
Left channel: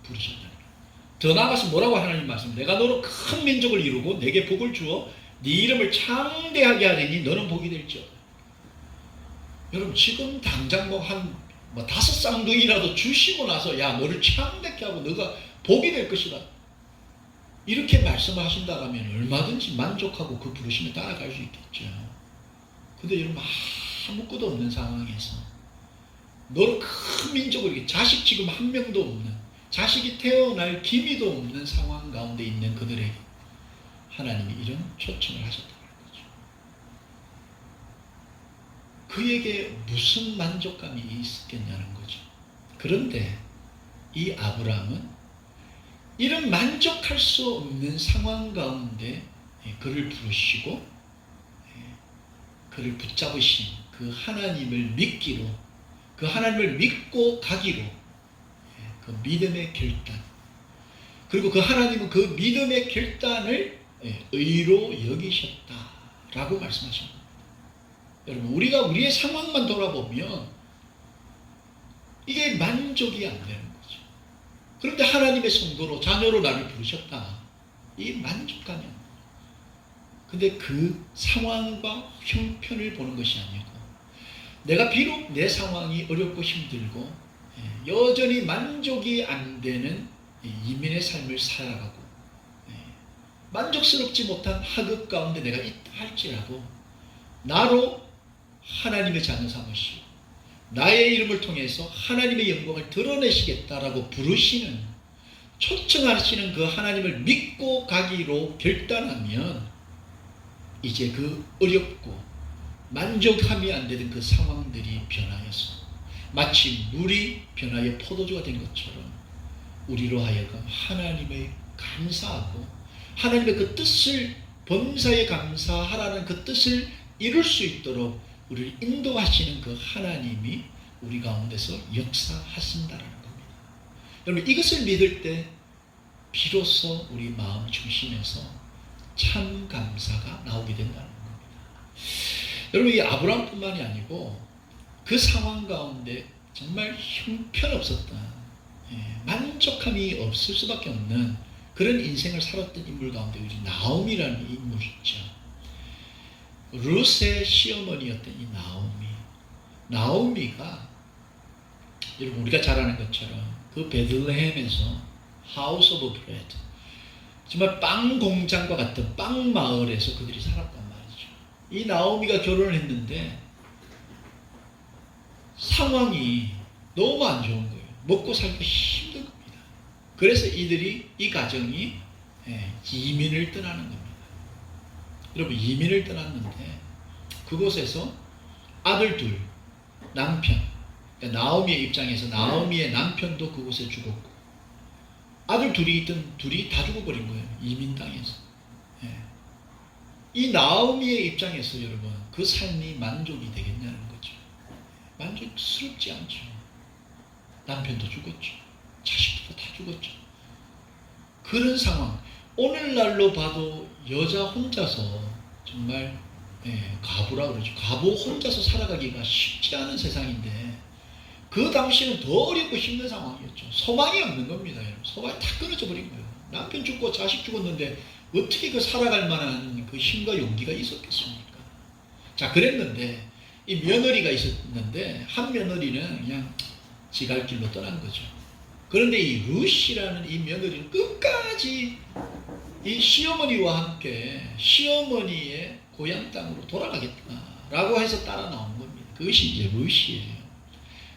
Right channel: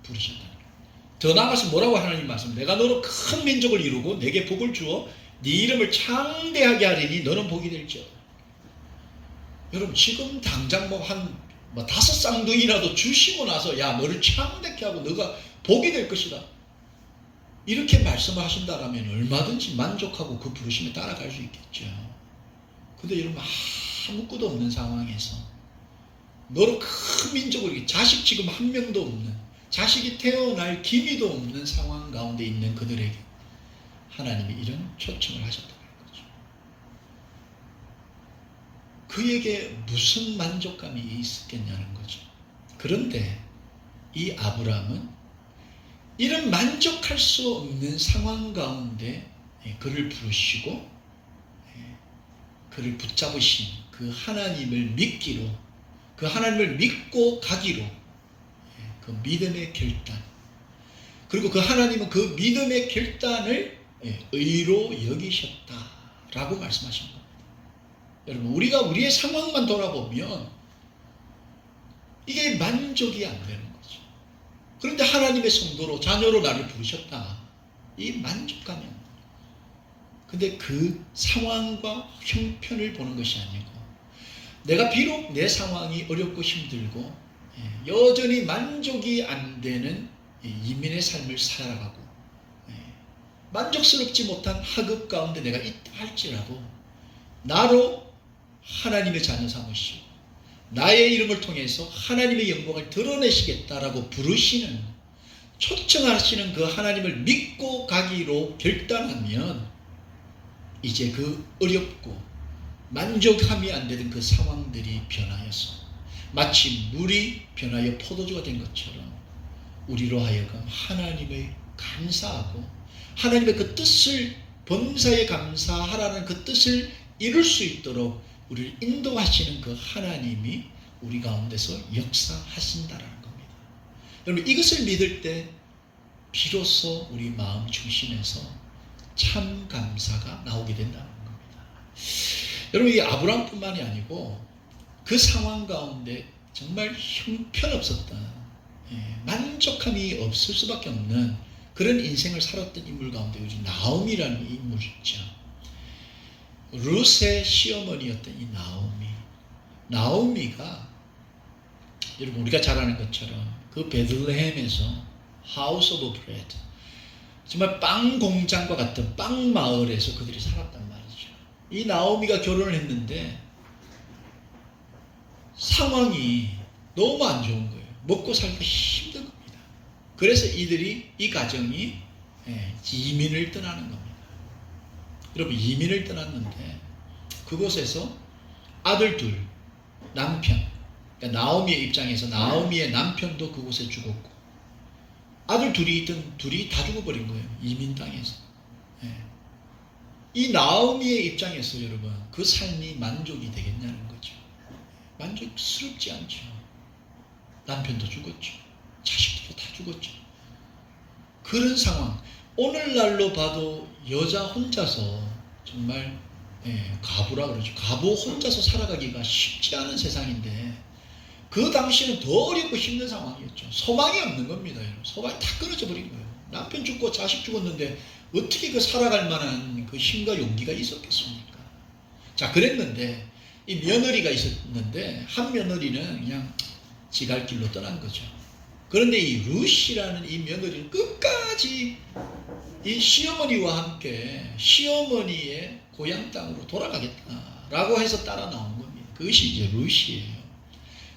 부르셨다는 거예요. 더 나아가서 뭐라고 하나님 말씀? 내가 너로 큰 민족을 이루고 내게 복을 주어 네 이름을 창대하게 하리니 너는 복이 될지어다. 여러분 지금 당장 뭐 5쌍둥이라도 주시고 나서 야 너를 창대케 하고 너가 복이 될 것이다. 이렇게 말씀하신다면 얼마든지 만족하고 그 부르심에 따라갈 수 있겠죠. 근데 여러분 아무것도 없는 상황에서 너로 큰 민족을 자식 지금 한 명도 없는 자식이 태어날 기미도 없는 상황 가운데 있는 그들에게 하나님이 이런 초청을 하셨다는 거죠. 그에게 무슨 만족감이 있었겠냐는 거죠. 그런데 이 아브라함은 이런 만족할 수 없는 상황 가운데 그를 부르시고 그를 붙잡으신 그 하나님을 믿기로 그 하나님을 믿고 가기로 그 믿음의 결단 그리고 그 하나님은 그 믿음의 결단을 의로 여기셨다라고 말씀하신 겁니다. 여러분 우리가 우리의 상황만 돌아보면 이게 만족이 안 되는 거죠. 그런데 하나님의 성도로 자녀로 나를 부르셨다. 이 만족감이 안 돼요. 근데 그 상황과 형편을 보는 것이 아니고 내가 비록 내 상황이 어렵고 힘들고 여전히 만족이 안 되는 이민의 삶을 살아가고 만족스럽지 못한 학업 가운데 내가 있다 할지라도 나로 하나님의 자녀 삼으시고 나의 이름을 통해서 하나님의 영광을 드러내시겠다라고 부르시는, 초청하시는 그 하나님을 믿고 가기로 결단하면 이제 그 어렵고 만족함이 안 되는 그 상황들이 변하여서 마치 물이 변하여 포도주가 된 것처럼 우리로 하여금 하나님의 감사하고 하나님의 그 뜻을, 범사에 감사하라는 그 뜻을 이룰 수 있도록 우리를 인도하시는 그 하나님이 우리 가운데서 역사하신다라는 겁니다. 여러분, 이것을 믿을 때 비로소 우리 마음 중심에서 참 감사가 나오게 된다는 겁니다. 여러분, 이 아브라함뿐만이 아니고 그 상황 가운데 정말 형편없었다, 만족함이 없을 수밖에 없는 그런 인생을 살았던 인물 가운데 우리 나오미라는 인물이 있죠. 룻의 시어머니였던 이 나오미가 여러분 우리가 잘 아는 것처럼 그 베들레헴에서 하우스 오브 브레드, 정말 빵 공장과 같은 빵 마을에서 그들이 살았단 말이죠. 이 나오미가 결혼을 했는데 상황이 너무 안 좋은 거예요. 먹고 살기가 힘든 겁니다. 그래서 이 가정이 이민을 떠나는 겁니다. 여러분, 이민을 떠났는데 그곳에서 아들 둘, 남편, 그러니까 나오미의 입장에서 나오미의 남편도 그곳에 죽었고 아들 둘이 다 죽어버린 거예요. 이민당해서. 이 나오미의 입장에서 여러분 그 삶이 만족이 되겠냐는 거죠. 만족스럽지 않죠. 남편도 죽었죠. 자식도 다 죽었죠. 그런 상황, 오늘날로 봐도 여자 혼자서 정말 가부라 그러죠. 가부 혼자서 살아가기가 쉽지 않은 세상인데 그 당시는 더 어렵고 힘든 상황이었죠. 소망이 없는 겁니다. 소망이 다 끊어져 버린 거예요. 남편 죽고 자식 죽었는데 어떻게 그 살아갈 만한 그 힘과 용기가 있었겠습니까? 자, 그랬는데 이 며느리가 있었는데 한 며느리는 그냥 지갈 길로 떠난 거죠. 그런데 이 룻이라는 이 며느리는 끝까지 이 시어머니와 함께 시어머니의 고향 땅으로 돌아가겠다라고 해서 따라 나온 겁니다. 그것이 이제 룻이에요.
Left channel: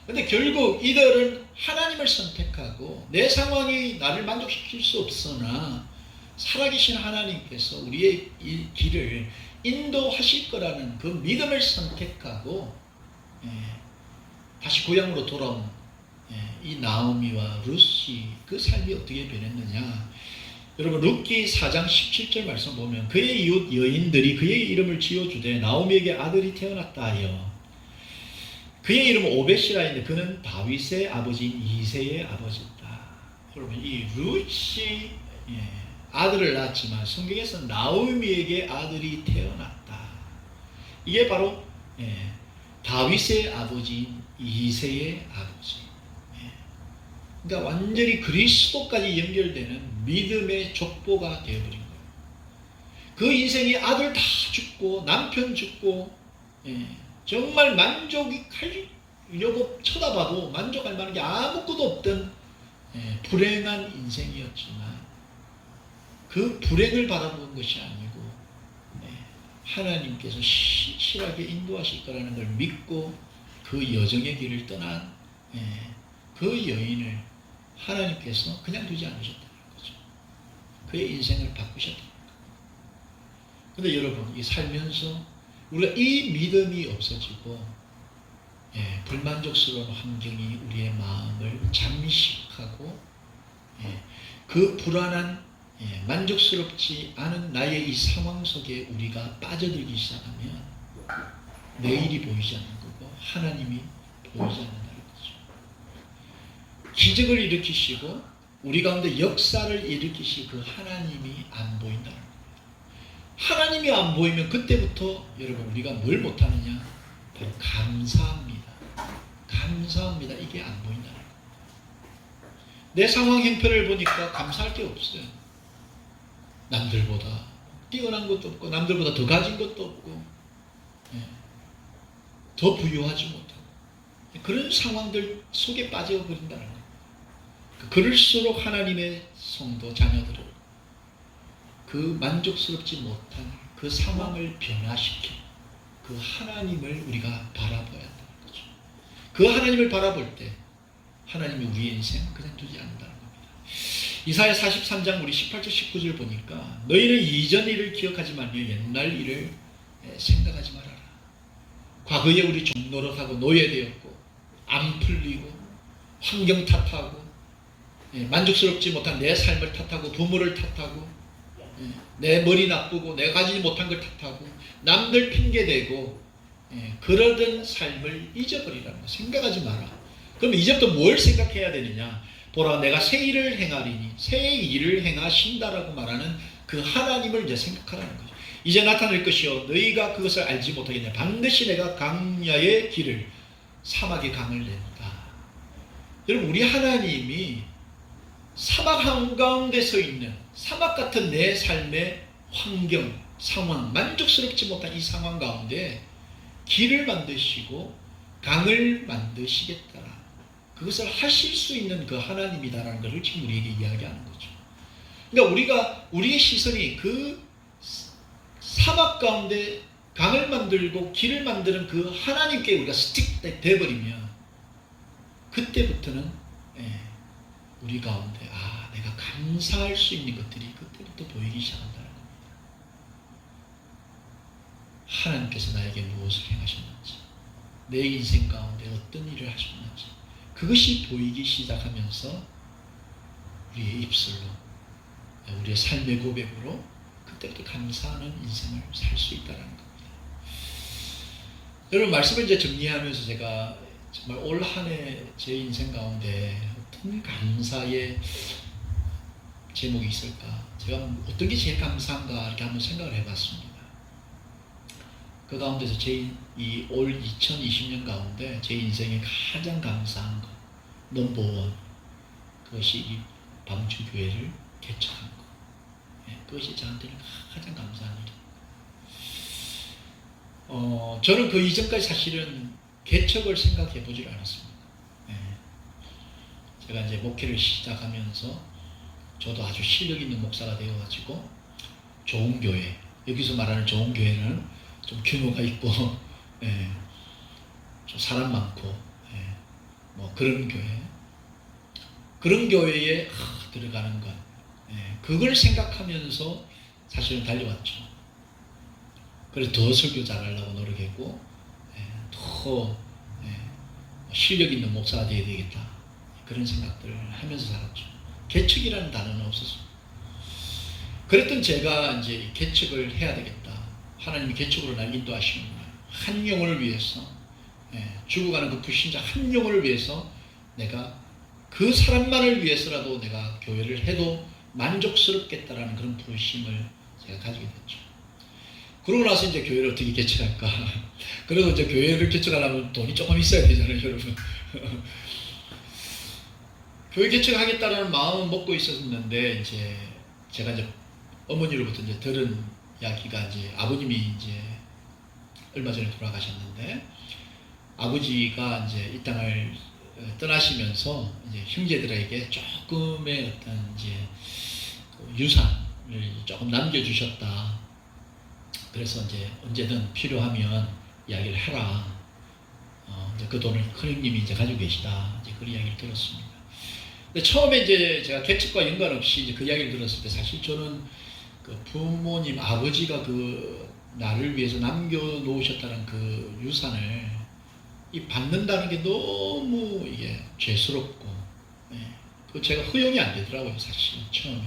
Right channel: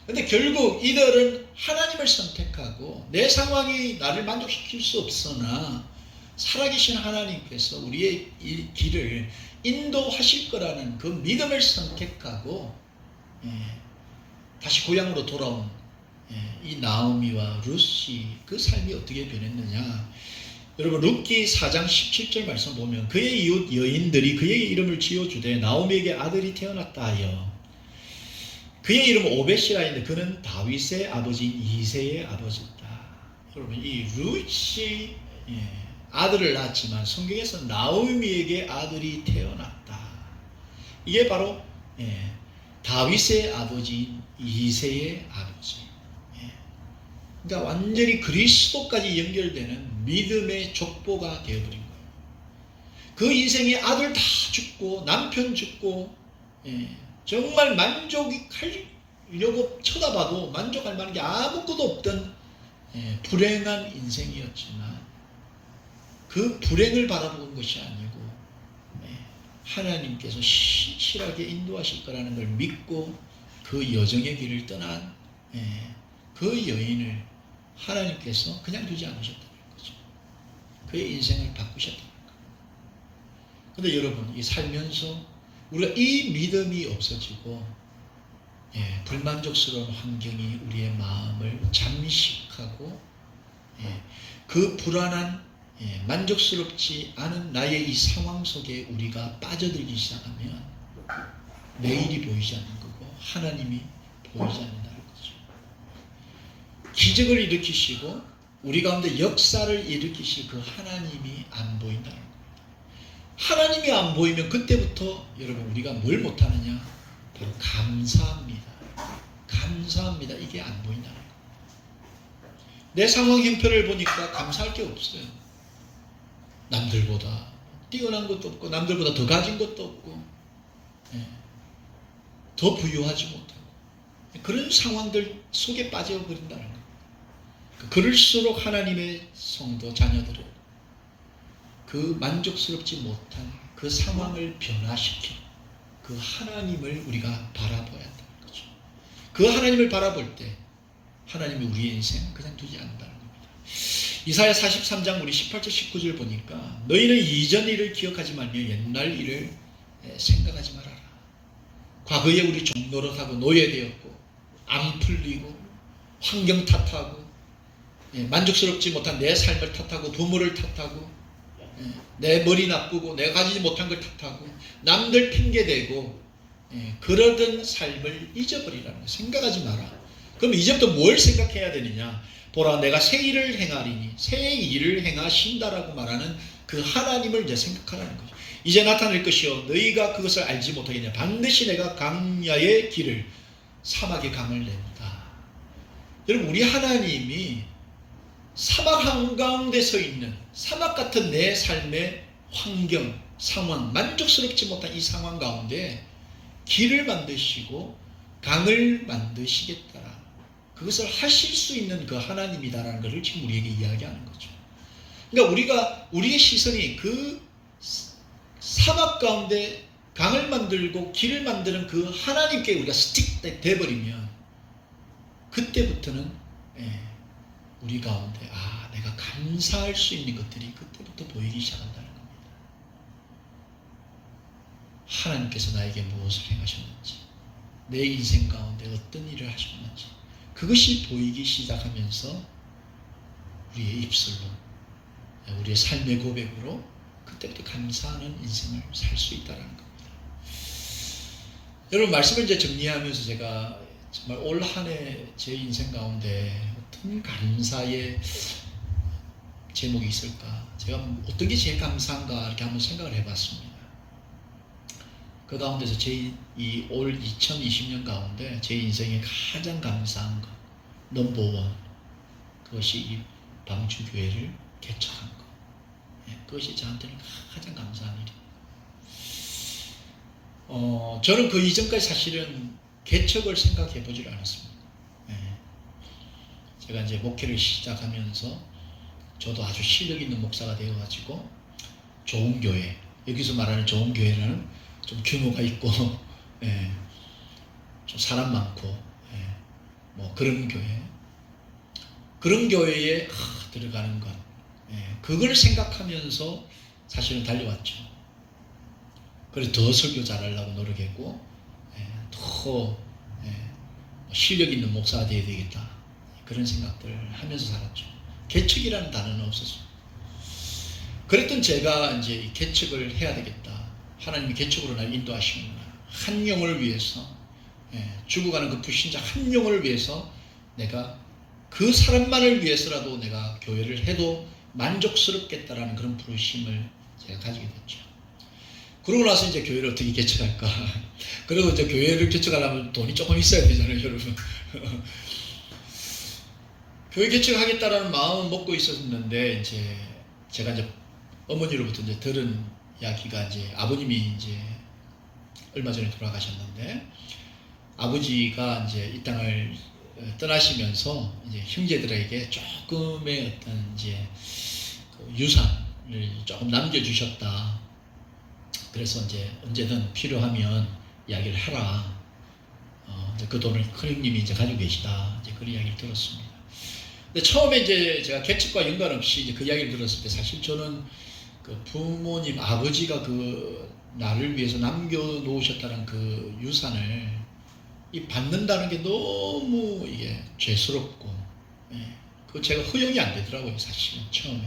근데 결국 이들은 하나님을 선택하고 내 상황이 나를 만족시킬 수 없으나 살아계신 하나님께서 우리의 이 길을 인도하실 거라는 그 믿음을 선택하고 다시 고향으로 돌아온 이 나오미와 룻이 그 삶이 어떻게 변했느냐. 여러분, 룻기 4장 17절 말씀 보면 그의 이웃 여인들이 그의 이름을 지어주되 나오미에게 아들이 태어났다 하여, 그의 이름은 오벳이라 했는데 그는 다윗의 아버지인 이새의 아버지다. 여러분, 이 룻이 아들을 낳았지만 성경에서 나오미에게 아들이 태어났다. 이게 바로 다윗의 아버지인 이새의 아버지. 그러니까 완전히 그리스도까지 연결되는 믿음의 족보가 되어버린 거예요. 그 인생에 아들 다 죽고 남편 죽고 정말 만족하려고 쳐다봐도 만족할 만한 게 아무것도 없던 불행한 인생이었지만 그 불행을 바라본 것이 아니고 하나님께서 신실하게 인도하실 거라는 걸 믿고 그 여정의 길을 떠난 그 여인을 하나님께서 그냥 두지 않으셨다는 거죠. 그의 인생을 바꾸셨다는 거예요. 그런데 여러분, 이 살면서 우리가 이 믿음이 없어지고 불만족스러운 환경이 우리의 마음을 잠식하고 그 불안한 만족스럽지 않은 나의 이 상황 속에 우리가 빠져들기 시작하면 내일이 보이지 않는 거고 하나님이 보이지 않는다는 거죠. 기적을 일으키시고 우리 가운데 역사를 일으키실 그 하나님이 안 보인다는 겁니다. 하나님이 안 보이면 그때부터 여러분 우리가 뭘 못하느냐? 바로 감사합니다. 감사합니다. 이게 안 보인다는 겁니다. 내 상황 형편을 보니까 감사할 게 없어요. 남들보다 뛰어난 것도 없고 남들보다 더 가진 것도 없고 더 부유하지 못하고 그런 상황들 속에 빠져버린다는 거예요. 그럴수록 하나님의 성도 자녀들은 그 만족스럽지 못한 그 상황을 변화시키고 그 하나님을 우리가 바라봐야 한다는 거죠. 그 하나님을 바라볼 때 하나님이 우리의 인생을 그냥 두지 않는다는 겁니다. 이사야 43장 우리 18절 19절 보니까 너희는 이전 일을 기억하지 말며 옛날 일을 생각하지 말아라. 과거에 우리 종노릇하고 노예되었고 안 풀리고 환경 탓하고 만족스럽지 못한 내 삶을 탓하고 부모를 탓하고 내 머리 나쁘고 내가 가지지 못한 걸 탓하고 남들 핑계대고 그러던 삶을 잊어버리라는 거. 생각하지 마라. 그럼 이제부터 뭘 생각해야 되느냐? 보라 내가 새 일을 행하리니 새 일을 행하신다라고 말하는 그 하나님을 이제 생각하라는 거죠. 이제 나타날 것이요 너희가 그것을 알지 못하겠냐. 반드시 내가 강야의 길을 사막의 강을 낸다. 여러분 우리 하나님이 사막 한가운데 서 있는 사막 같은 내 삶의 환경, 상황, 만족스럽지 못한 이 상황 가운데 길을 만드시고 강을 만드시겠다. 그것을 하실 수 있는 그 하나님이다라는 것을 지금 우리에게 이야기하는 거죠. 그러니까 우리의 시선이 그 사막 가운데 강을 만들고 길을 만드는 그 하나님께 우리가 스틱 돼버리면 그때부터는 우리 가운데 내가 감사할 수 있는 것들이 그때부터 보이기 시작한다는 겁니다. 하나님께서 나에게 무엇을 행하셨는지, 내 인생 가운데 어떤 일을 하셨는지 그것이 보이기 시작하면서 우리의 입술로, 우리의 삶의 고백으로 그때부터 감사하는 인생을 살 수 있다는 겁니다. 여러분 말씀을 이제 정리하면서 제가 정말 올 한 해 제 인생 가운데 어떤 감사의 제목이 있을까? 제가 어떤 게 제일 감사한가 이렇게 한번 생각을 해봤습니다. 그 가운데서 이 올 2020년 가운데 제 인생에 가장 감사한 것 넘버원 그것이 이 방주교회를 개척한 것. 그것이 저한테는 가장 감사한 일이에요. 저는 그 이전까지 사실은 개척을 생각해 보질 않았습니다. 제가 이제 목회를 시작하면서 저도 아주 실력 있는 목사가 되어가지고 좋은 교회, 여기서 말하는 좋은 교회는 좀 규모가 있고 좀 사람 많고 뭐 그런 교회에 들어가는 것, 그걸 생각하면서 사실은 달려왔죠. 그래서 더 설교 잘하려고 노력했고 더 실력 있는 목사가 되어야 되겠다 그런 생각들을 하면서 살았죠. 개척이라는 단어는 없었습니다. 그랬던 제가 이제 개척을 해야 되겠다. 하나님이 개척으로 날 인도하시는구나. 한 영혼을 위해서, 죽어가는 그 불신자 한 영혼을 위해서 내가 그 사람만을 위해서라도 내가 교회를 해도 만족스럽겠다라는 그런 부르심을 제가 가지게 됐죠. 그러고 나서 이제 교회를 어떻게 개척할까? 그래도 이제 교회를 개척하려면 돈이 조금 있어야 되잖아요, 여러분. 교회 개척하겠다라는 마음을 먹고 있었는데 이제 제가 이제 어머니로부터 이제 들은 이야기가 이제 아버님이 이제 얼마 전에 돌아가셨는데 아버지가 이제 이 땅을 떠나시면서 이제 형제들에게 조금의 어떤 이제 유산을 조금 남겨주셨다. 그래서 이제 언제든 필요하면 이야기를 해라. 그 돈을 큰형님이 이제 가지고 계시다. 이제 그런 이야기를 들었습니다. 근데 처음에 이제 제가 개척과 연관없이 이제 그 이야기를 들었을 때 사실 저는 그 부모님 아버지가 그 나를 위해서 남겨놓으셨다는 그 유산을 이 받는다는 게 너무 이게 죄스럽고, 그 제가 허용이 안 되더라고요, 사실은 처음에.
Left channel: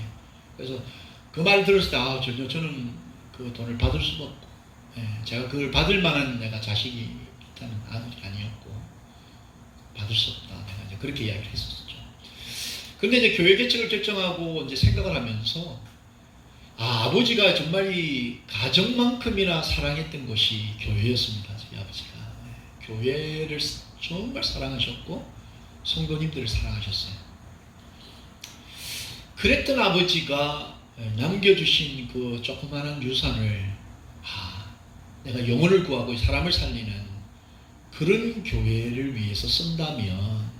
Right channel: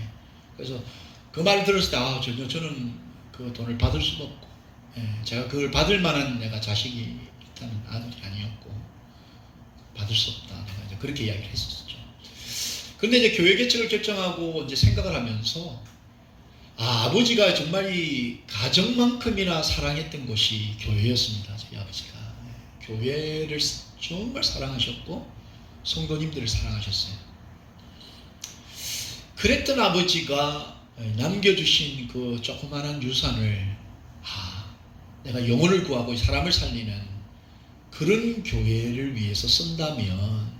그래서 그 말을 들었을 때 전혀 저는 그 돈을 받을 수가 없고, 제가 그걸 받을 만한 내가 자식이 일단 아들이 아니었고 받을 수 없다. 내가 이제 그렇게 이야기를 했었죠. 그런데 이제 교회 개척을 결정하고 이제 생각을 하면서 아버지가 정말 이 가정만큼이나 사랑했던 것이 교회였습니다. 저희 아버지가 교회를 정말 사랑하셨고 성도님들을 사랑하셨어요. 그랬던 아버지가 남겨주신 그 조그마한 유산을 내가 영혼을 구하고 사람을 살리는 그런 교회를 위해서 쓴다면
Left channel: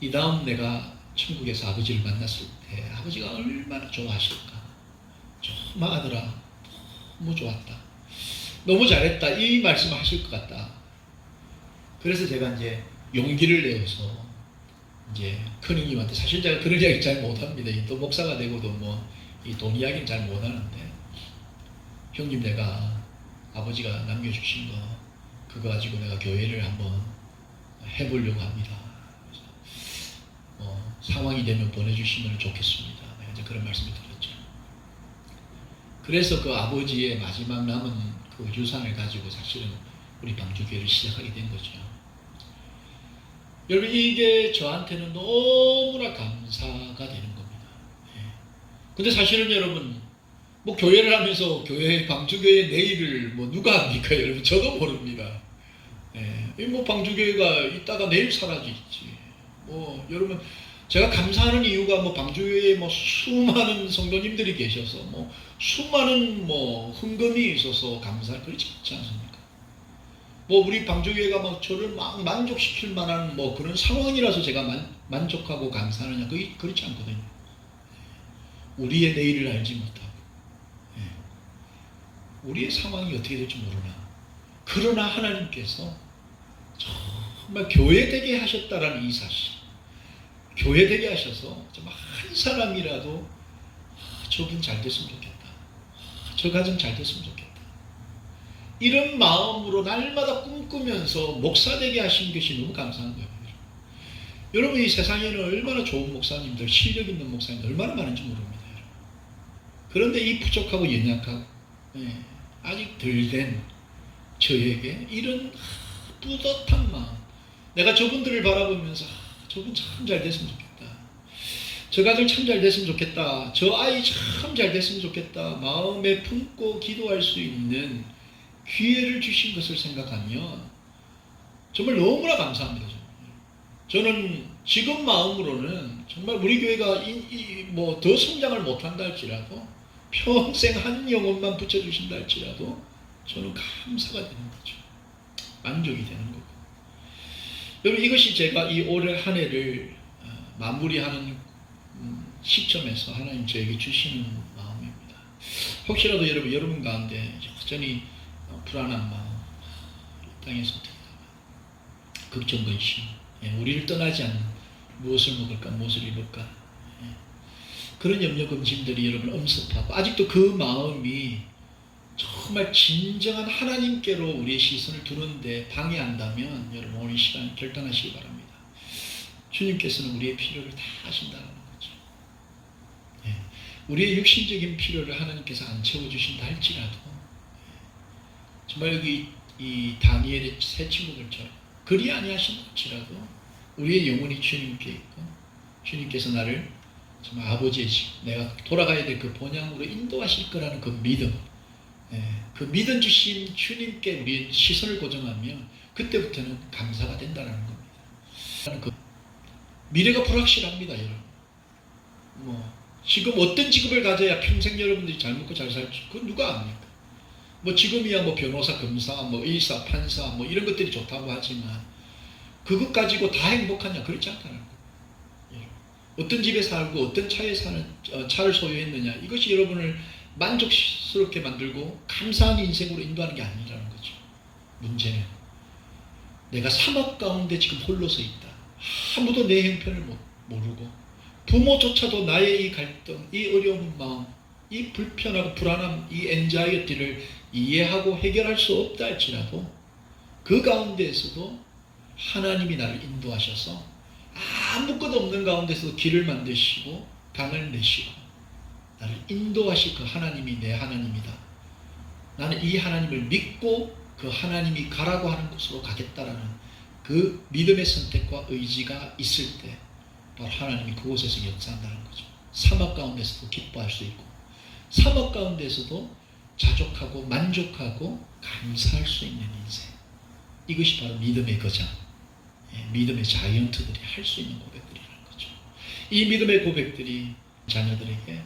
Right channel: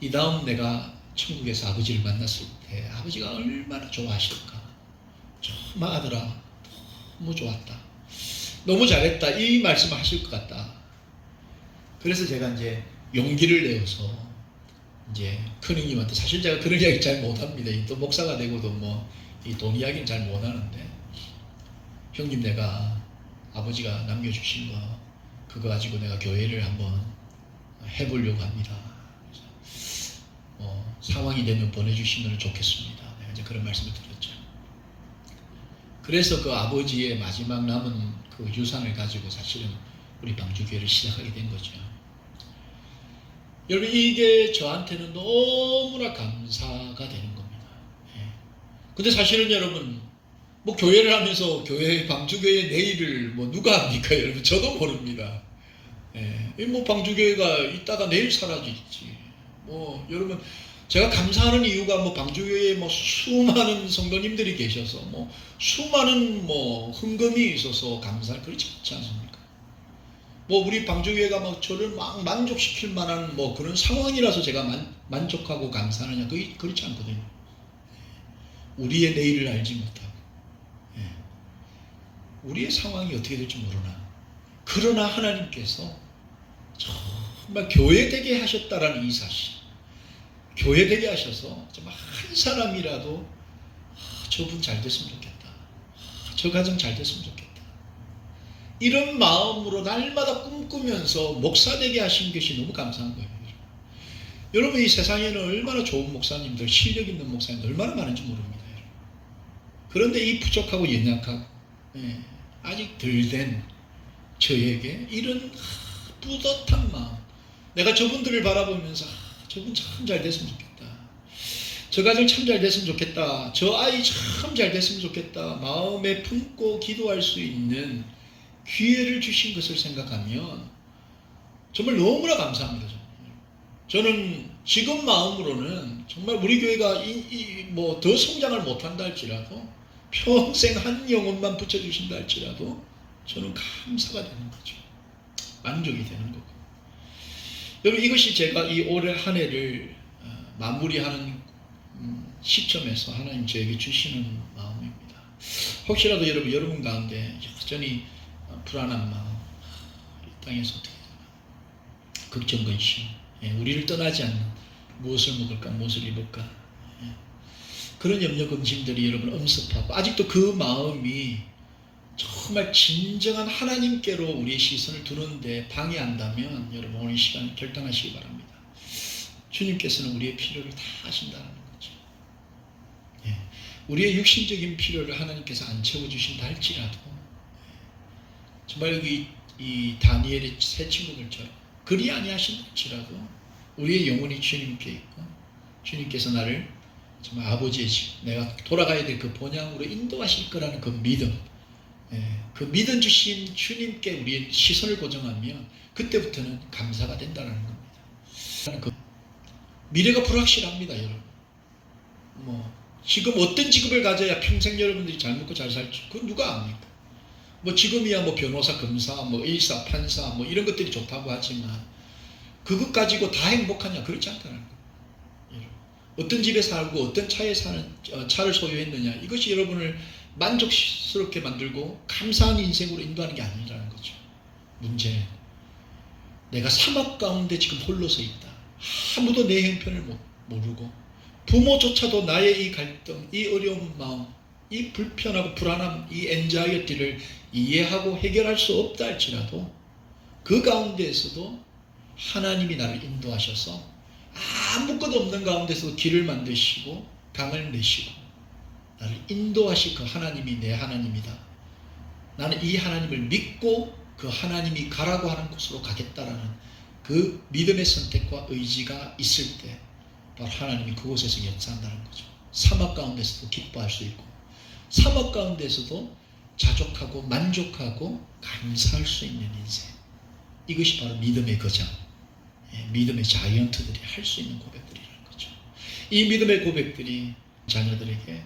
이 다음 내가 천국에서 아버지를 만났을 때 아버지가 얼마나 좋아하실까. 정말 아들아 너무 좋았다. 너무 잘했다 이 말씀을 하실 것 같다. 그래서 제가 이제 용기를 내어서 이제 큰형님한테, 사실 제가 그런 이야기 잘 못합니다. 또 목사가 되고도 뭐 이 돈 이야기는 잘 못하는데, 형님 내가 아버지가 남겨주신 거 그거 가지고 내가 교회를 한번 해보려고 합니다. 상황이 되면 보내주시면 좋겠습니다. 내가 이제 그런 말씀을 드렸죠. 그래서 그 아버지의 마지막 남은 그 유산을 가지고 사실은 우리 방주교회를 시작하게 된 거죠. 여러분, 이게 저한테는 너무나 감사가 되는 겁니다. 근데 사실은 여러분, 뭐 교회를 하면서 방주교회 내일을 뭐 누가 합니까? 여러분, 저도 모릅니다. 뭐 방주교회가 있다가 내일 사라지지. 뭐 여러분, 제가 감사하는 이유가 뭐 방주교회에 뭐 수많은 성도님들이 계셔서 뭐 수많은 뭐 헌금이 있어서 그렇지 않지 않습니까? 뭐 우리 방주교회가 막 저를 막 만족시킬 만한 뭐 그런 상황이라서 제가 만족하고 감사하느냐, 그렇지 않거든요. 우리의 내일을 알지 못하고 우리의 상황이 어떻게 될지 모르나, 그러나 하나님께서 정말 교회되게 하셨다라는 이 사실, 교회되게 하셔서 정말 한 사람이라도 저분 잘 됐으면 좋겠다, 저 가정 잘 됐으면 좋겠다, 이런 마음으로 날마다 꿈꾸면서 목사되게 하신 것이 너무 감사한 거예요. 여러분, 이 세상에는 얼마나 좋은 목사님들, 실력 있는 목사님들 얼마나 많은지 모릅니다. 그런데 이 부족하고 연약하고 아직 덜 된 저에게 이런 뿌듯한 마음, 내가 저분들을 바라보면서 저분 참 잘 됐으면 좋겠다, 저 가정 참 잘 됐으면 좋겠다, 저 아이 참 잘 됐으면 좋겠다, 마음에 품고 기도할 수 있는 기회를 주신 것을 생각하면 정말 너무나 감사합니다. 저는 지금 마음으로는 정말 우리 교회가 뭐 더 성장을 못한다 할지라도, 평생 한 영혼만 붙여주신다 할지라도 저는 감사가 되는 거죠. 만족이 되는 거고. 여러분, 이것이 제가 이 올해 한 해를 마무리하는 시점에서 하나님 저에게 주시는 마음입니다. 혹시라도 여러분 가운데 여전히 불안한 마음, 이 땅에서 어떻게 되나, 걱정, 근심, 우리를 떠나지 않는, 무엇을 먹을까, 무엇을 입을까, 그런 염려, 근심들이 여러분 엄습하고, 아직도 그 마음이 정말 진정한 하나님께로 우리의 시선을 두는데 방해한다면 여러분, 오늘 이 시간 결단하시기 바랍니다. 주님께서는 우리의 필요를 다 하신다는 거죠. 우리의 육신적인 필요를 하나님께서 안 채워주신다 할지라도, 정말 여기 이 다니엘의 세 친구들처럼 그리 아니하신다 할지라도 우리의 영혼이 주님께 있고, 주님께서 나를 정말 아버지의 집, 내가 돌아가야 될 그 본향으로 인도하실 거라는 그 믿음, 그 믿음 주신 주님께 우리의 시선을 고정하며 그때부터는 감사가 된다는 겁니다. 그 미래가 불확실합니다, 여러분. 뭐 지금 어떤 직업을 가져야 평생 여러분들이 잘 먹고 잘 살지, 그건 누가 압니까? 뭐 지금이야 뭐 변호사, 검사, 뭐 의사, 판사, 뭐 이런 것들이 좋다고 하지만 그것 가지고 다 행복하냐? 그렇지 않다는 거예요. 어떤 집에 살고 어떤 차에 차를 소유했느냐, 이것이 여러분을 만족스럽게 만들고 감사한 인생으로 인도하는 게 아니라는 거죠. 문제는 내가 사막 가운데 지금 홀로 서 있다, 아무도 내 형편을 모르고, 부모조차도 나의 이 갈등, 이 어려운 마음, 이 불편하고 불안함, 이 엔자이어티를 이해하고 해결할 수 없다 할지라도 그 가운데에서도 하나님이 나를 인도하셔서 아무것도 없는 가운데서 길을 만드시고 강을 내시고 나를 인도하실 그 하나님이 내 하나님이다, 나는 이 하나님을 믿고 그 하나님이 가라고 하는 곳으로 가겠다라는 그 믿음의 선택과 의지가 있을 때 바로 하나님이 그곳에서 역사한다는 거죠. 사막 가운데서도 기뻐할 수 있고, 사막 가운데서도 자족하고 만족하고 감사할 수 있는 인생, 이것이 바로 믿음의 거장, 믿음의 자이언트들이 할 수 있는 고백들이라는 거죠. 이 믿음의 고백들이 자녀들에게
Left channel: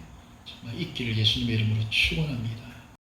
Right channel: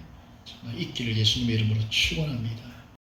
정말 있기를 예수님의 이름으로 축원합니다.